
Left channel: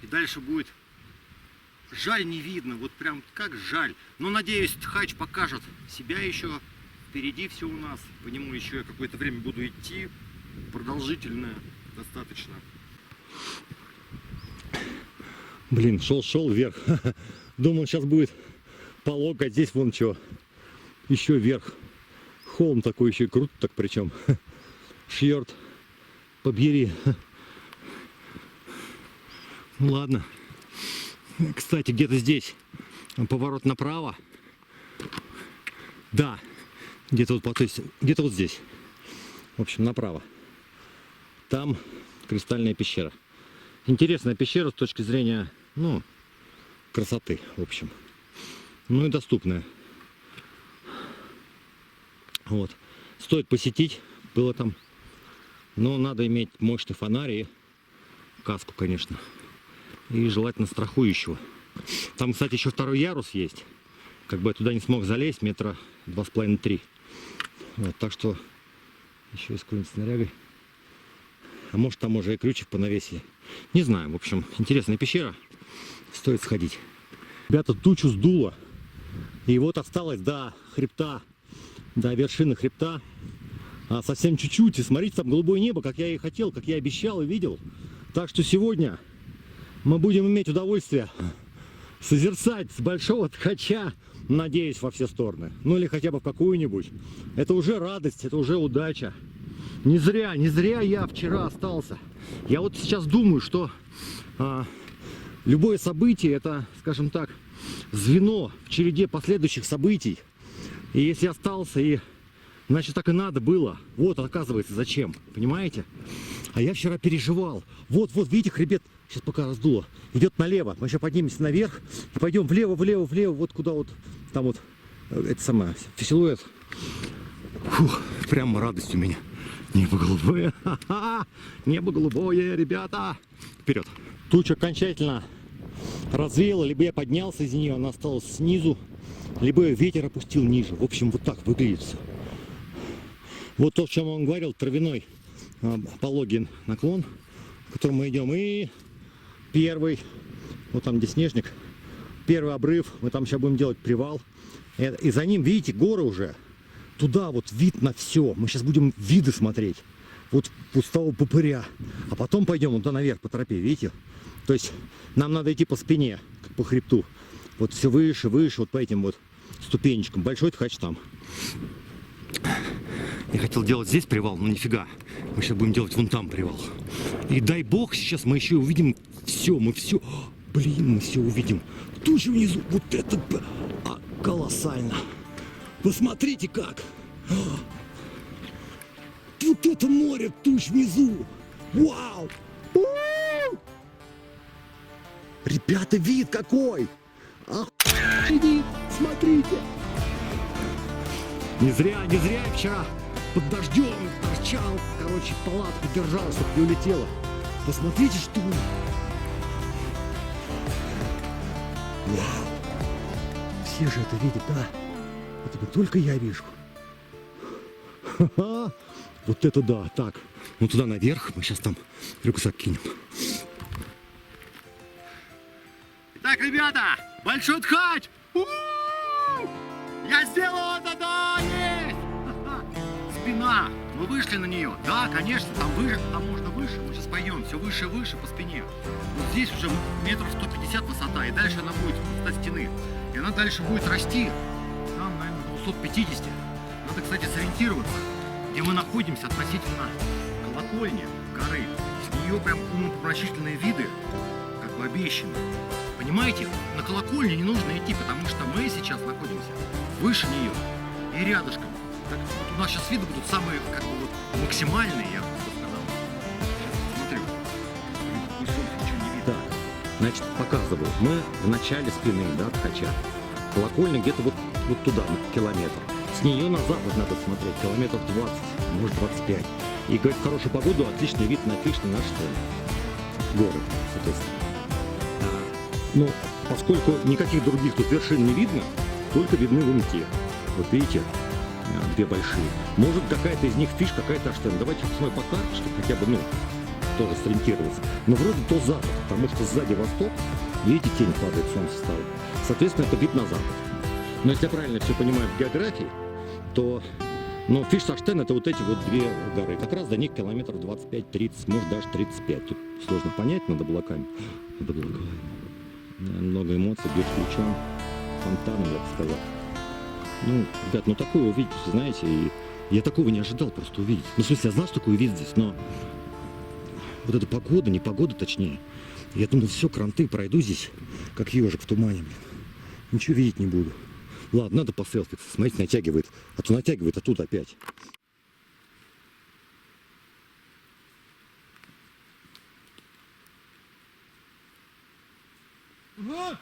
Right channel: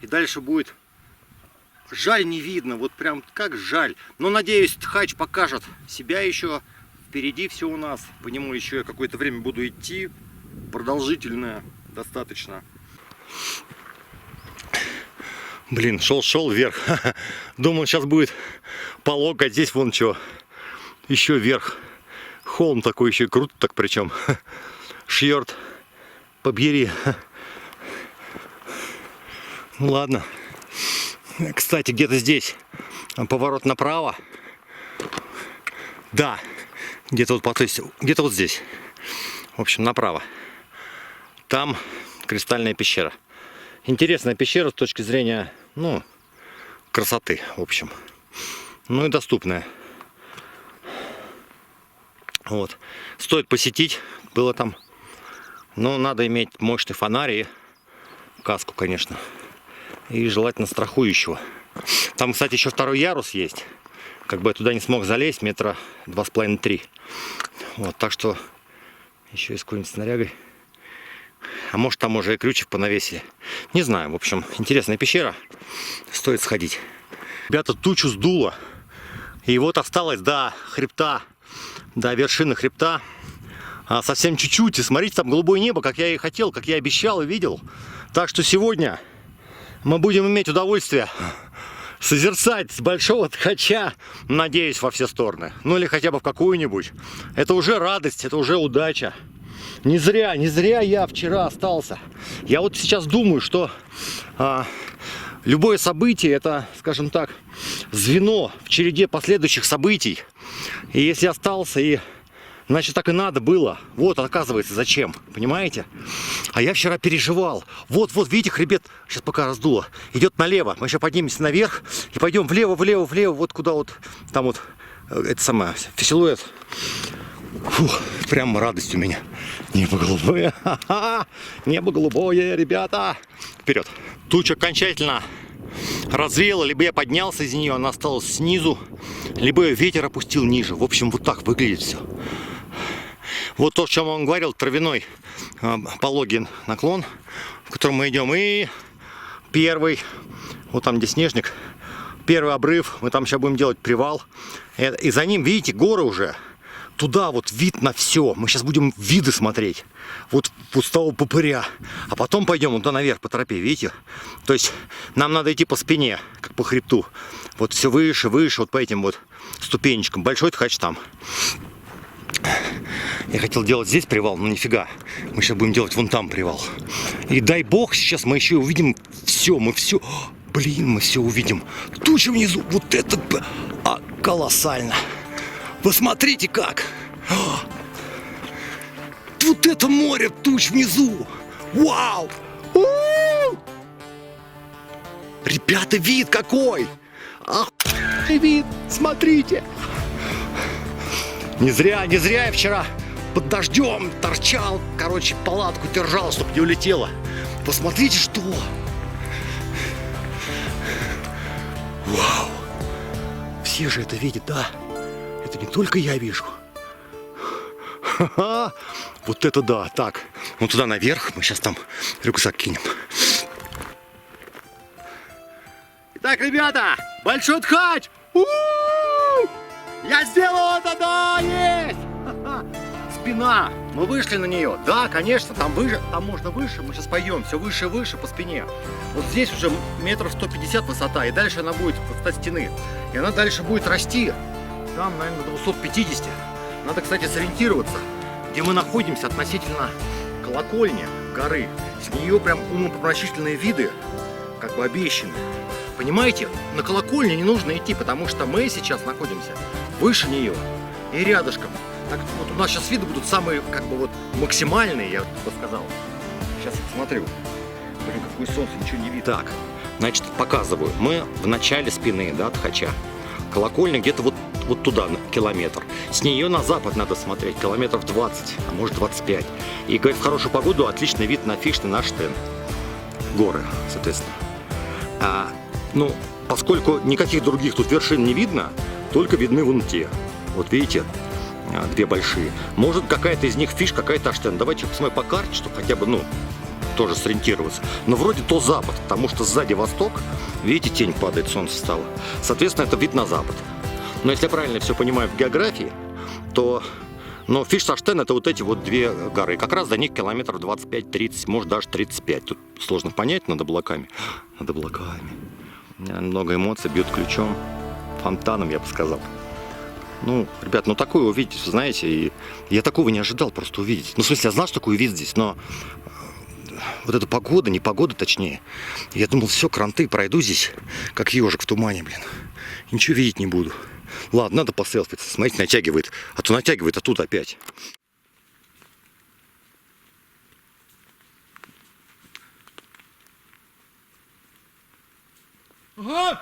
И дальше будет... Жаль, не видно. Вот прям как жаль. Но надеюсь, Тхач покажет себя еще. Впереди все у нас. По нему еще я какое-то время буду идти. Продолжительное достаточно. Блин, шел вверх. Думал, сейчас будет полог, а здесь вон что. Еще вверх. Холм такой еще круто, так причем. Шьорт. Побери. Ну ладно. Кстати, где-то здесь поворот направо. Да. Где-то вот, где-то вот здесь. В общем, направо. Там Кристальная пещера. Интересная пещера с точки зрения, ну, красоты, в общем. Ну и доступная. Вот. Стоит посетить. Было там. Но надо иметь мощный фонарь и каску, конечно. И желательно страхующего. Там, кстати, еще второй ярус есть. Как бы я туда не смог залезть, метра 2,5-3. Вот, так что еще и с какой-нибудь снарягой. А может, там уже и крючев понавесили. Не знаю, в общем, интересная пещера. Стоит сходить. Ребята, тучу сдуло. И вот осталось до хребта, до вершины хребта. Совсем чуть-чуть. И смотрите, там голубое небо, как я и хотел, как я обещал и видел. Так что сегодня мы будем иметь удовольствие созерцать с большого ткача, надеюсь, во все стороны. Ну или хотя бы в какую-нибудь. Это уже радость, это уже удача. Не зря я вчера остался. Я вот сейчас думаю, что любое событие это, скажем так, звено в череде последующих событий. И если остался, значит так и надо было. Вот, оказывается, зачем, понимаете? А я вчера переживал. Вот, видите, хребет, сейчас пока раздуло, идет налево. Мы сейчас поднимемся наверх и пойдем влево, вот куда вот, там вот, это самое, силуэт. Фух, прям радость у меня. Небо голубое, небо голубое, ребята. Вперед. Туча окончательно развеяла, либо я поднялся из нее, она осталась снизу, либо ее ветер опустил ниже. В общем, вот так выглядит все. Вот то, о чем он говорил, травяной пологий наклон, в котором мы идем. И первый, вот там где снежник, первый обрыв, мы там сейчас будем делать привал. И за ним, видите, горы уже. Туда вот вид на все. Мы сейчас будем виды смотреть. Вот пустого попыря. А потом пойдем туда наверх по тропе, видите? То есть нам надо идти по спине, как по хребту. Вот все выше, вот по этим вот ступенечкам. Большой ткач там. Я хотел делать здесь привал, но нифига. Мы сейчас будем делать вон там привал. И дай бог, сейчас мы еще увидим все. Мы все... Блин, мы все увидим. Туча внизу. Вот это колоссально. Посмотрите как. Вот это море туч внизу. Вау. Ребята, вид какой. Вид, смотрите. Не зря я вчера под дождем торчал, короче, палатку держал, чтобы не улетело. Посмотрите, что. Вау. Все же это видят, да? Это не только я вижу. Ха-ха. Вот это да. Так, вот туда наверх. Мы сейчас там рюкзак кинем. Итак, ребята, большой ткач. Я сделал это, да, есть! Спина. Мы вышли на нее. Да, конечно, там выше, там можно выше. Мы сейчас пойдем все выше и выше по спине. Вот здесь уже метров 150 высота, и дальше она будет высота стены. И она дальше будет расти. Там, наверное, до 250. Надо, кстати, сориентироваться, где мы находимся относительно колокольни горы. С нее прям умопомрачительные виды, как бы обещаны. Понимаете, на колокольню не нужно идти, потому что мы сейчас находимся выше нее и рядышком. Так, вот у нас сейчас виды будут самые, как бы вот максимальные, я бы сказал. Сейчас смотрю. Блин, какое солнце, ничего не видно. Так, значит, показываю. Мы в начале спины, да, ткача. Колокольня где-то вот туда, на километр. С нее на запад надо смотреть, километров 20, а может 25. И, говорит, в хорошую погоду отличный вид на Фиштен, Аштен. Горы, соответственно. Ну, поскольку никаких других тут вершин не видно, только видны вон те. Вот видите, две большие. Может, какая-то из них Фиш, какая-то Аштен. Давайте посмотрим по карте, чтобы хотя бы, тоже сориентироваться. Но вроде то запад, потому что сзади восток, видите, тень падает, солнце стало. Соответственно, это вид на запад. Но если я правильно все понимаю в географии, то Фиш с Аштен это вот эти вот две горы. Как раз до них километров 25-30, может даже 35. Тут сложно понять над облаками. Над облаками. Много эмоций, бьет ключом, фонтаном, я бы сказал. Ребят, такое увидеть, знаете, и я такого не ожидал просто увидеть. В смысле, я знал, что такой вид здесь, но вот эта погода, не погода точнее. Я думал, все, кранты, пройду здесь, как ежик в тумане, блин. Ничего видеть не буду. Ладно, надо поселфиться. Смотрите, натягивает. А то натягивает, а тут опять. Ага!